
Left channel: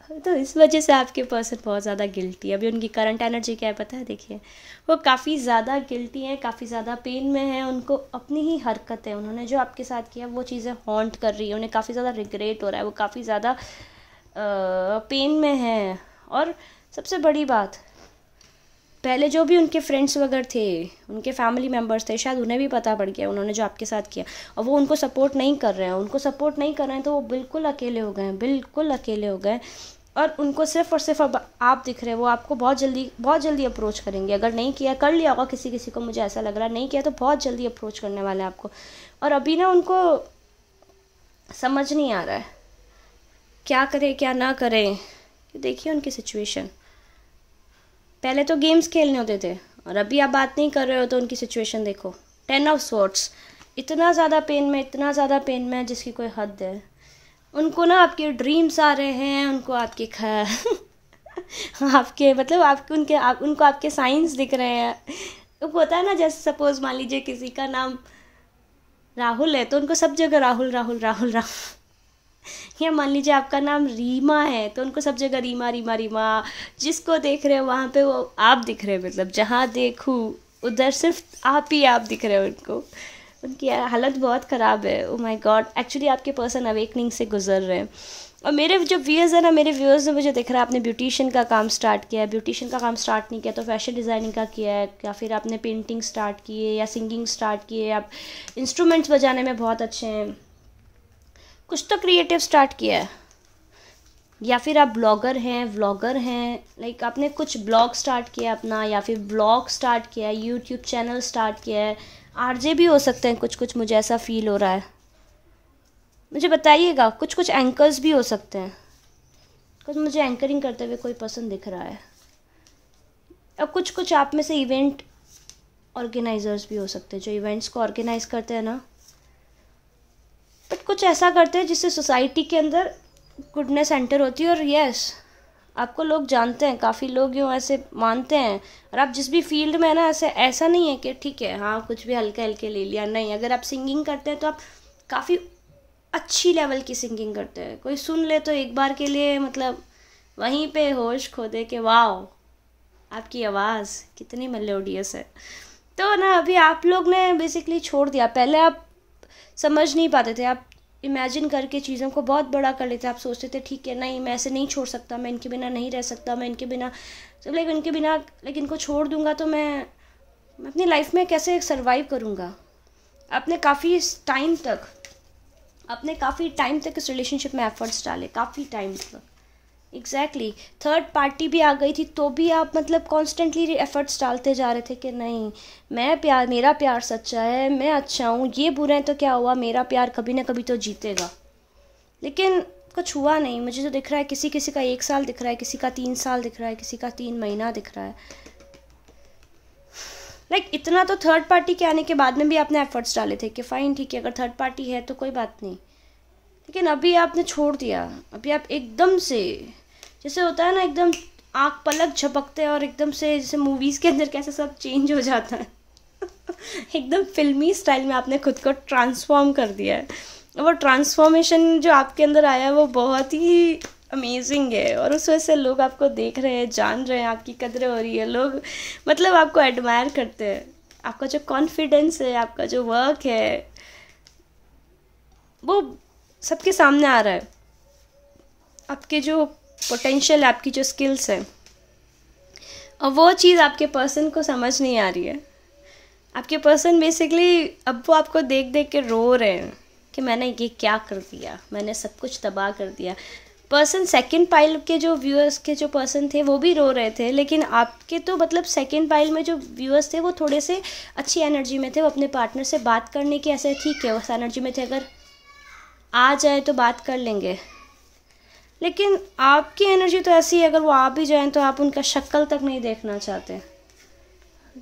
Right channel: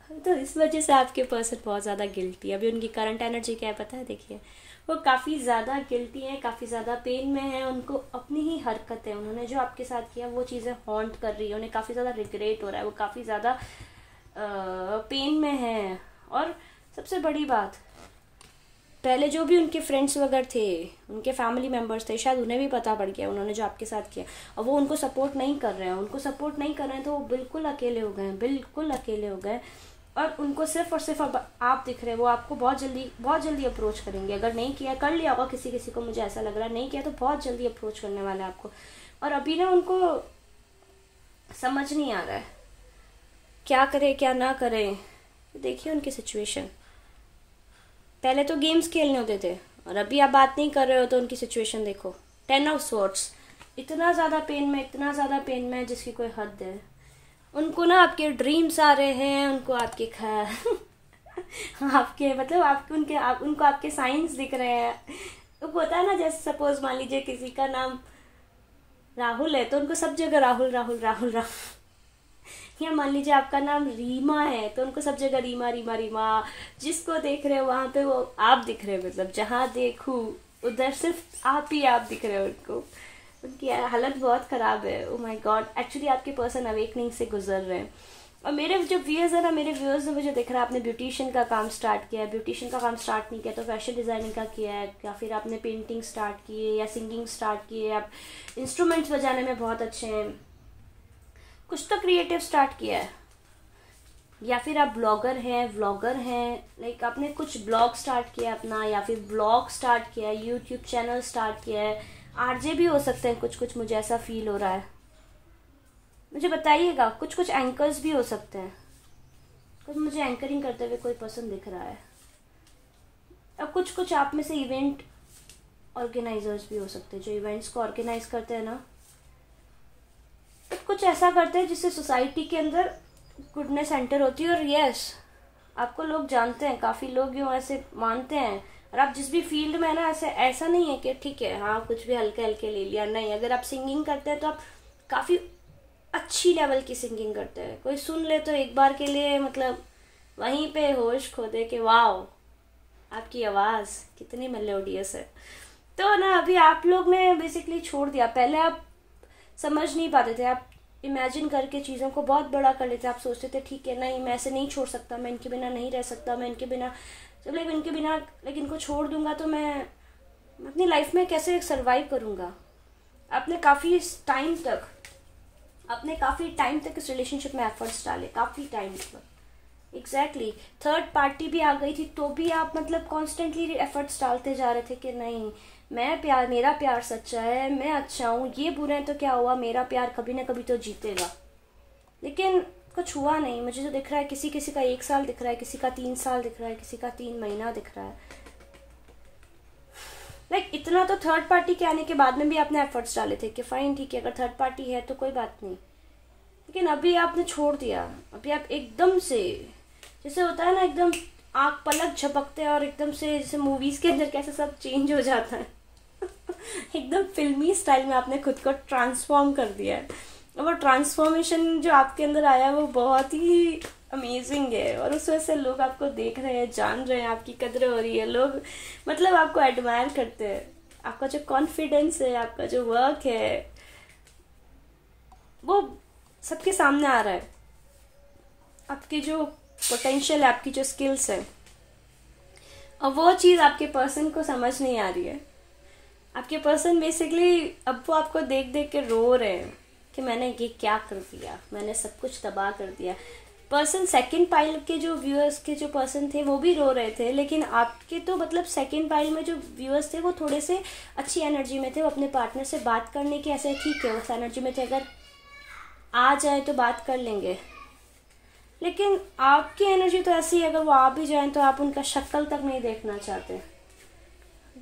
तो इस वजह से आपके पर्सन बहुत ज़्यादा गिल्टी है। अभी उनकी करंट एनर्जी क्या है पता है? देखिए, वो काफ़ी ज़्यादा गिल्टी है, काफ़ी ज़्यादा पेन में है। उनको अपनी ही हरकतें, उन्होंने जो आपके साथ किया वो चीज़ें हॉन्ट कर रही है, उन्हें काफ़ी ज़्यादा रिग्रेट हो रहा है, वो काफ़ी ज़्यादा पेन में है। और सबसे बड़ी बात, पहले जो भी उनके फ्रेंड्स वगैरह थे, उनके फैमिली मेम्बर्स थे, शायद उन्हें भी पता पड़ गया उन्होंने जो आपके साथ किया, और वो उनको सपोर्ट नहीं कर रहे हैं। उनको सपोर्ट नहीं कर रहे हैं तो वो बिल्कुल अकेले हो गए हैं, बिल्कुल अकेले हो गए। और उनको सिर्फ और सिर्फ अब आप दिख रहे हैं। वो आपको बहुत जल्दी अप्रोच करेंगे। अगर नहीं किया, कर लिया होगा किसी किसी को, मुझे ऐसा लग रहा है, नहीं किया तो बहुत जल्दी अप्रोच करने वाले हैं आपको। और अभी ना उनको समझ नहीं आ रहा है क्या करे क्या ना करे। देखिए उनकी सिचुएशन, पहले तो गेम्स खेलने होते थे और अभी आप बात नहीं कर रहे हो, तो उनकी सिचुएशन देखो। 10 ऑफ स्वॉर्ड्स, इतना ज़्यादा पेन में, इतना ज़्यादा पेन में जिसकी कोई हद है। उनको ना आपके ड्रीम्स आ रहे हैं, उनको आपके आपके मतलब आपके उनको आपके साइंस दिख रहे हैं। तो होता है ना, जैसे सपोज मान लीजिए किसी का नाम राहुल है तो उनको सब जगह राहुल राहुल राहुल राहुल, या मान लीजिए आपका नाम रीमा है तो उनको सब जगह रीमा रीमा रीमा। जिसको देख रहे हो वहाँ पे वो आप दिख रहे हो, मतलब जहाँ देखूँ उधर सिर्फ आप ही आप दिख रहे हो उनको। उनकी हालत बहुत ख़राब है। ओ माय गॉड, एक्चुअली आपके पर्सन अवेकनिंग से गुजर रहे हैं। और मेरे जो व्यूअर्स है ना, मेरे व्यूअर्स ने मुझे दिख रहा है आपने ब्यूटिशियन का काम स्टार्ट किया है। ब्यूटिशियन का काम स्टार्ट नहीं किया तो फैशन डिज़ाइनिंग का किया है, या फिर आपने पेंटिंग स्टार्ट की है, या सिंगिंग स्टार्ट की है, आप इंस्ट्रूमेंट्स बजाने में बहुत अच्छे हैं, कुछ तो क्रिएटिव स्टार्ट किया है। या फिर आप ब्लॉगर हैं, व्लॉगर हैं, लाइक आपने कुछ ब्लॉग स्टार्ट किया अपना, या फिर ब्लॉग स्टार्ट किया है, यूट्यूब चैनल स्टार्ट किया है। आरजे भी हो सकते हैं कुछ कुछ, मुझे ऐसा फील हो रहा है। मुझे बताइएगा, कुछ कुछ एंकर्स भी हो सकते हैं, कुछ मुझे एंकरिंग करते हुए कोई पर्सन दिख रहा है। अब कुछ कुछ आप में से इवेंट ऑर्गेनाइजर्स भी हो सकते हैं, जो इवेंट्स को ऑर्गेनाइज करते हैं ना, बट कुछ ऐसा करते हैं जिससे सोसाइटी के अंदर गुडनेस एंटर होती है। और यस, आपको लोग जानते हैं, काफ़ी लोग जो ऐसे मानते हैं। और आप जिस भी फील्ड में है ना, ऐसा नहीं है कि ठीक है हाँ कुछ भी हल्के हल्के ले लिया, नहीं। अगर आप सिंगिंग करते हैं तो आप काफ़ी अच्छी लेवल की सिंगिंग करते हैं। कोई सुन ले तो एक बार के लिए मतलब वहीं पे होश खो दे के वाओ आपकी आवाज़ कितनी मेलोडियस है। तो ना अभी आप लोग ने बेसिकली छोड़ दिया। पहले आप समझ नहीं पाते थे, आप इमेजिन करके चीज़ों को बहुत बड़ा कर लेते। आप सोचते थे ठीक है नहीं मैं ऐसे नहीं छोड़ सकता, मैं इनके बिना नहीं रह सकता, मैं इनके बिना लेकिन इनको छोड़ दूंगा तो मैं अपनी लाइफ में कैसे सरवाइव करूँगा। आपने काफ़ी टाइम तक इस रिलेशनशिप में एफर्ट्स डाले, काफ़ी टाइम तक। एग्जैक्टली थर्ड पार्टी भी आ गई थी तो भी आप मतलब कॉन्स्टेंटली एफर्ट्स डालते जा रहे थे कि नहीं मेरा प्यार सच्चा है, मैं अच्छा हूँ, ये बुरा है तो क्या हुआ, मेरा प्यार कभी ना कभी तो जीतेगा। लेकिन कुछ हुआ नहीं। मुझे जो दिख रहा है किसी किसी का 1 साल दिख रहा है, किसी का 3 साल दिख रहा है, किसी का 3 महीना दिख रहा है। इतना तो थर्ड पार्टी के आने के बाद में भी आपने एफर्ट्स डाले थे कि फाइन ठीक है अगर थर्ड पार्टी है तो कोई बात नहीं। लेकिन अभी आपने छोड़ दिया। अभी आप एकदम से, जैसे होता है ना एकदम आँख पलक झपकते हैं और एकदम से जैसे मूवीज़ के अंदर कैसे सब चेंज हो जाता है एकदम फिल्मी स्टाइल में आपने खुद को ट्रांसफॉर्म कर दिया है। वो ट्रांसफॉर्मेशन जो आपके अंदर आया है वो बहुत ही अमेजिंग है। और उस वजह से लोग आपको देख रहे हैं, जान रहे हैं, आपकी कदर हो रही है। लोग मतलब आपको एडमायर करते हैं। आपका जो कॉन्फिडेंस है, आपका जो वर्क है, वो सबके सामने आ रहा है। आपके जो पोटेंशियल है, आपकी जो स्किल्स है, और वो चीज़ आपके पर्सन को समझ नहीं आ रही है। आपके पर्सन बेसिकली अब वो आपको देख देख के रो रहे हैं कि मैंने ये क्या कर दिया, मैंने सब कुछ तबाह कर दिया। पर्सन सेकंड पाइल के जो व्यूअर्स के जो पर्सन थे वो भी रो रहे थे, लेकिन आपके तो मतलब सेकंड पाइल में जो व्यूअर्स थे वो थोड़े से अच्छी एनर्जी में थे। वो अपने पार्टनर से बात करने की ऐसे ठीक है उस एनर्जी में थे, अगर आ जाए तो बात कर लेंगे। लेकिन आपकी एनर्जी तो ऐसी है, अगर वो आ भी जाएं तो आप उनका शक्ल तक नहीं देखना चाहते।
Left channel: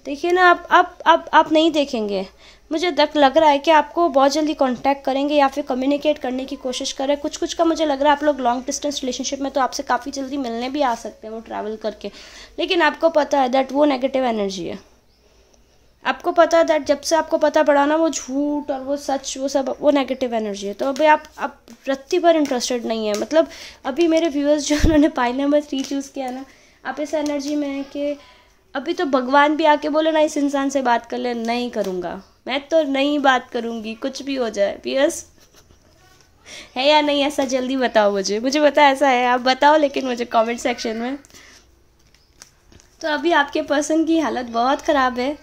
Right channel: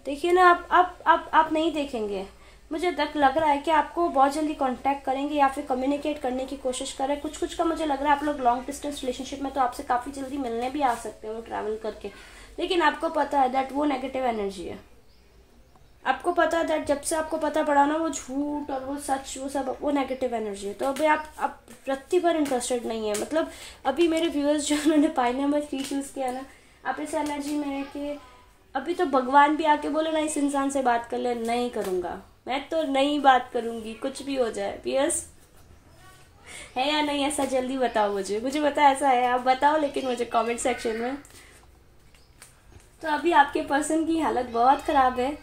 देखिए ना, आप नहीं देखेंगे। मुझे लग रहा है कि आपको बहुत जल्दी कांटेक्ट करेंगे या फिर कम्युनिकेट करने की कोशिश करें। कुछ का मुझे लग रहा है आप लोग लॉन्ग डिस्टेंस रिलेशनशिप में तो आपसे काफ़ी जल्दी मिलने भी आ सकते हैं वो ट्रैवल करके। लेकिन आपको पता है दैट वो नेगेटिव एनर्जी है। आपको पता है दैट जब से आपको पता पड़ा ना वो झूठ और वो सच वो सब वो नेगेटिव एनर्जी है। तो अभी आप रत्ती पर इंटरेस्टेड नहीं है। मतलब अभी मेरे व्यूअर्स जो उन्होंने पाइल नंबर 3 चूज़ किया ना, आप इस एनर्जी में है कि अभी तो भगवान भी आके बोले ना इस इंसान से बात कर ले, नहीं करूँगा, मैं तो नहीं बात करूँगी, कुछ भी हो जाए। व्यूअर्स है या नहीं ऐसा जल्दी बताओ मुझे पता ऐसा है, आप बताओ लेकिन मुझे कमेंट सेक्शन में। तो अभी आपके पर्सन की हालत बहुत ख़राब है।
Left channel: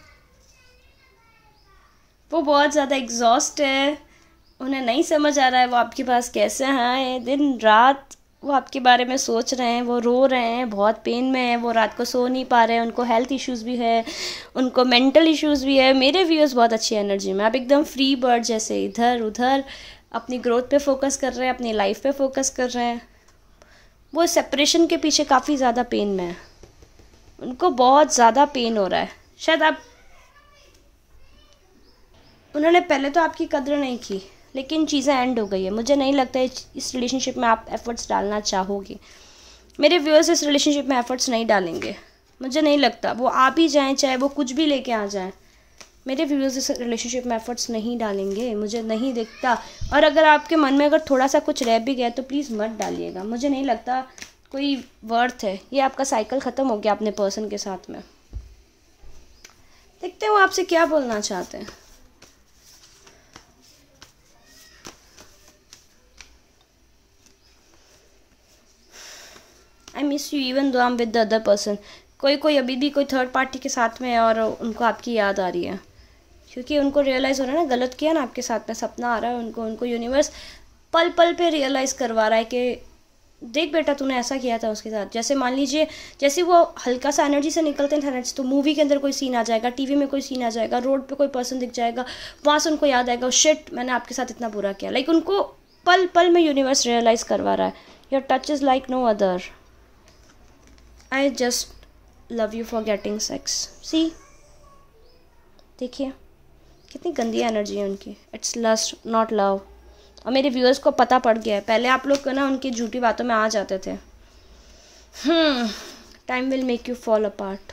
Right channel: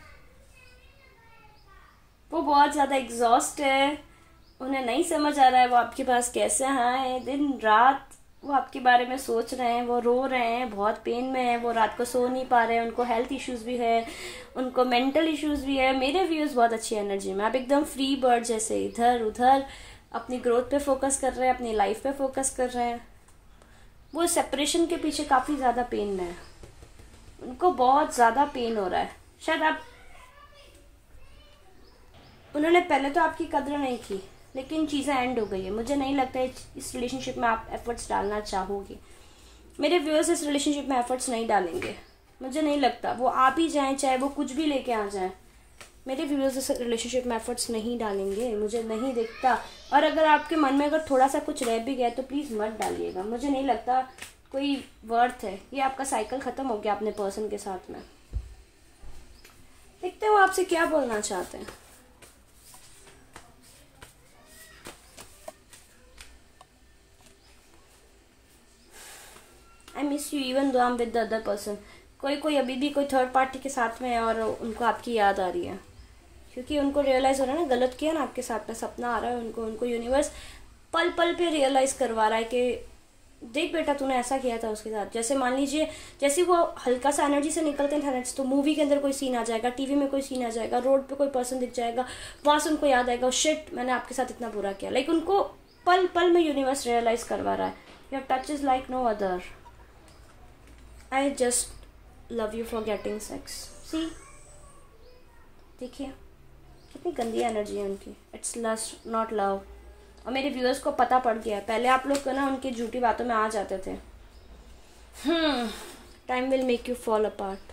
वो बहुत ज़्यादा एग्जॉस्ट है, उन्हें नहीं समझ आ रहा है वो आपके पास कैसे आए। दिन रात वो आपके बारे में सोच रहे हैं, वो रो रहे हैं, बहुत पेन में है, वो रात को सो नहीं पा रहे हैं, उनको हेल्थ इश्यूज़ भी है, उनको मेंटल इश्यूज़ भी है। मेरे व्यूअर्स बहुत अच्छी एनर्जी में, आप एकदम फ्री बर्ड जैसे इधर उधर अपनी ग्रोथ पे फोकस कर रहे हैं, अपनी लाइफ पे फोकस कर रहे हैं। वो सेपरेशन के पीछे काफ़ी ज़्यादा पेन में है, उनको बहुत ज़्यादा पेन हो रहा है। शायद उन्होंने पहले तो आपकी कदर नहीं की, लेकिन चीज़ें एंड हो गई है। मुझे नहीं लगता इस रिलेशनशिप में आप एफ़र्ट्स डालना चाहोगे। मेरे व्यूअर्स इस रिलेशनशिप में एफ़र्ट्स नहीं डालेंगे, मुझे नहीं लगता। वो आ भी जाएँ, चाहे वो कुछ भी लेके आ जाएँ, मेरे व्यूअर्स इस रिलेशनशिप में एफ़र्ट्स नहीं डालेंगे, मुझे नहीं दिखता। और अगर आपके मन में अगर थोड़ा सा कुछ रह भी गया तो प्लीज़ मत डालिएगा, मुझे नहीं लगता कोई वर्थ है। ये आपका साइकिल ख़त्म हो गया अपने पर्सन के साथ में। देखते हैं वो आपसे क्या बोलना चाहते हैं। I miss you even though I am with the other person. कोई अभी भी कोई थर्ड पार्टी के साथ में है और उनको आपकी याद आ रही है, क्योंकि उनको रियलाइज़ हो रहा है ना गलत किया ना आपके साथ में, सपना आ रहा है उनको यूनिवर्स पल पल पे रियलाइज़ करवा रहा है कि देख बेटा तूने ऐसा किया था उसके साथ। जैसे मान लीजिए जैसे वो हल्का सा एनर्जी से निकलते हैं तो मूवी के अंदर कोई सीन आ जाएगा, टीवी में कोई सीन आ जाएगा, रोड पे कोई पर्सन दिख जाएगा, वहाँ से उनको याद आएगा शिट मैंने आपके साथ इतना बुरा किया। लाइक उनको पल पल में यूनिवर्स रियलाइज करवा रहा है, your touch is like no other, I just love you for getting sex. See, देखिए कितनी गंदी एनर्जी है उनकी, इट्स लस्ट नॉट लव। और मेरे व्यूअर्स को पता पड़ गया है, पहले आप लोग ना उनकी झूठी बातों में आ जाते थे। Time will make you fall apart.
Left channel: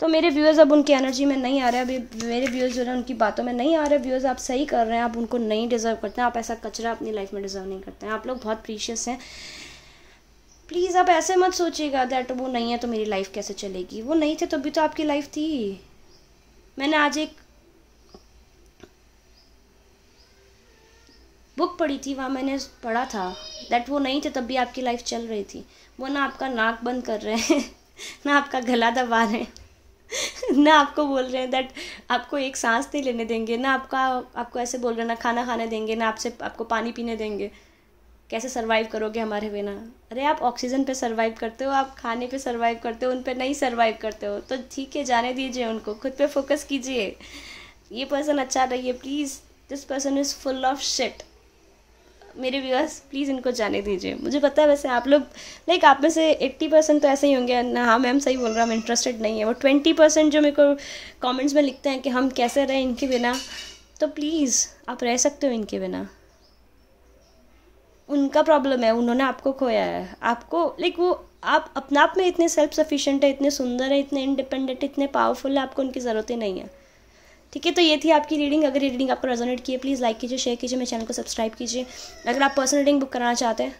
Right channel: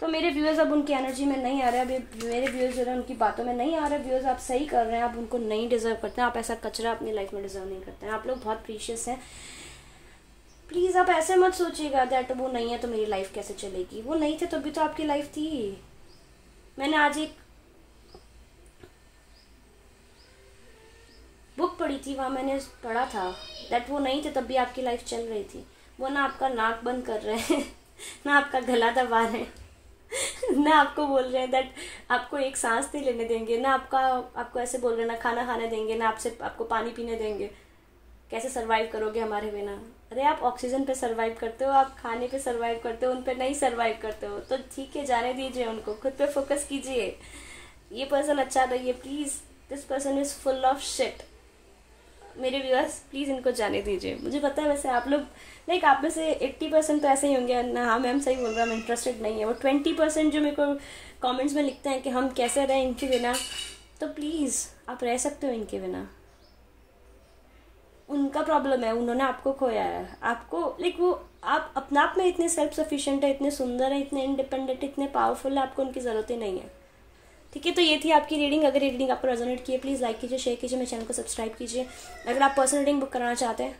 तो मेरे व्यूअर्स अब उनकी एनर्जी में नहीं आ रहे, अभी मेरे व्यूअर्स जो है उनकी बातों में नहीं आ रहे। व्यूअर्स आप सही कर रहे हैं, आप उनको नहीं डिजर्व करते हैं, आप ऐसा कचरा अपनी लाइफ में डिजर्व नहीं करते हैं, आप लोग बहुत प्रीशियस हैं। प्लीज़ आप ऐसे मत सोचिएगा दैट वो नहीं है तो मेरी लाइफ कैसे चलेगी। वो नहीं थे तो भी तो आपकी लाइफ थी। मैंने आज एक बुक पढ़ी थी, वहाँ मैंने पढ़ा था दैट वो नहीं थे तब भी आपकी लाइफ चल रही थी। वो ना आपका नाक बंद कर रहे हैं ना आपका गला दबा रहे हैं ना आपको बोल रहे हैं दैट आपको एक सांस नहीं लेने देंगे, ना आपको ऐसे बोल रहे हैं ना खाना खाने देंगे, ना आपको पानी पीने देंगे। कैसे सरवाइव करोगे हमारे बिना? अरे आप ऑक्सीजन पे सरवाइव करते हो, आप खाने पे सरवाइव करते हो, उन पे नहीं सरवाइव करते हो तो ठीक है, जाने दीजिए उनको, खुद पे फोकस कीजिए। ये पर्सन अच्छा नहीं है, please, this person is full of shit. मेरे व्यूअर्स प्लीज़ इनको जाने दीजिए। मुझे पता है वैसे आप लोग लाइक आप में से 80% तो ऐसे ही होंगे ना, हाँ मैम सही बोल रहा हूँ, मैं इंटरेस्टेड नहीं है। वो 20% जो मेरे को कमेंट्स में लिखते हैं कि हम कैसे रहें इनके बिना, तो प्लीज़ आप रह सकते हो इनके बिना। उनका प्रॉब्लम है, उन्होंने आपको खोया है। आपको लाइक वो आप अपने आप में इतने सेल्फ सफिशिएंट है, इतने सुंदर है, इतने इंडिपेंडेंट, इतने पावरफुल है, आपको उनकी ज़रूरत ही नहीं है। ठीक है, तो ये थी आपकी रीडिंग। अगर ये रीडिंग आपको रेजोनेट की है प्लीज़ लाइक कीजिए, शेयर कीजिए, मेरे चैनल को सब्सक्राइब कीजिए। अगर आप पर्सनल रीडिंग बुक कराना चाहते हैं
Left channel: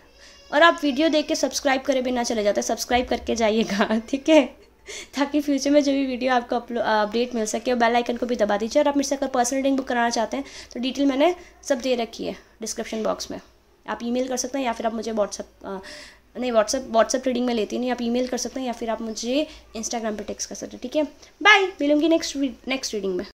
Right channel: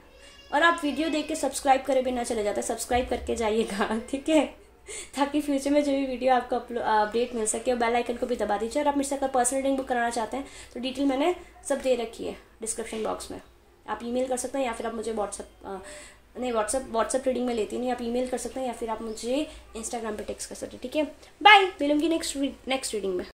और आप वीडियो देख के सब्सक्राइब करे बिना चले जाते हैं, सब्सक्राइब करके जाइएगा, ठीक है, ताकि फ्यूचर में जो भी वीडियो आपको अपडेट मिल सके। और बेल आइकन को भी दबा दीजिए। और आप मेरे से अगर पर्सनल रीडिंग बुक कराना चाहते हैं तो डिटेल मैंने सब दे रखी है डिस्क्रिप्शन बॉक्स में। आप ईमेल कर सकते हैं या फिर आप मुझे व्हाट्सएप रीडिंग में लेती नहीं, आप ईमेल कर सकते हैं या फिर आप मुझे इंस्टाग्राम पे टेक्स्ट कर सकते हैं। ठीक है, बाय, मिलूंगी नेक्स्ट रीडिंग में।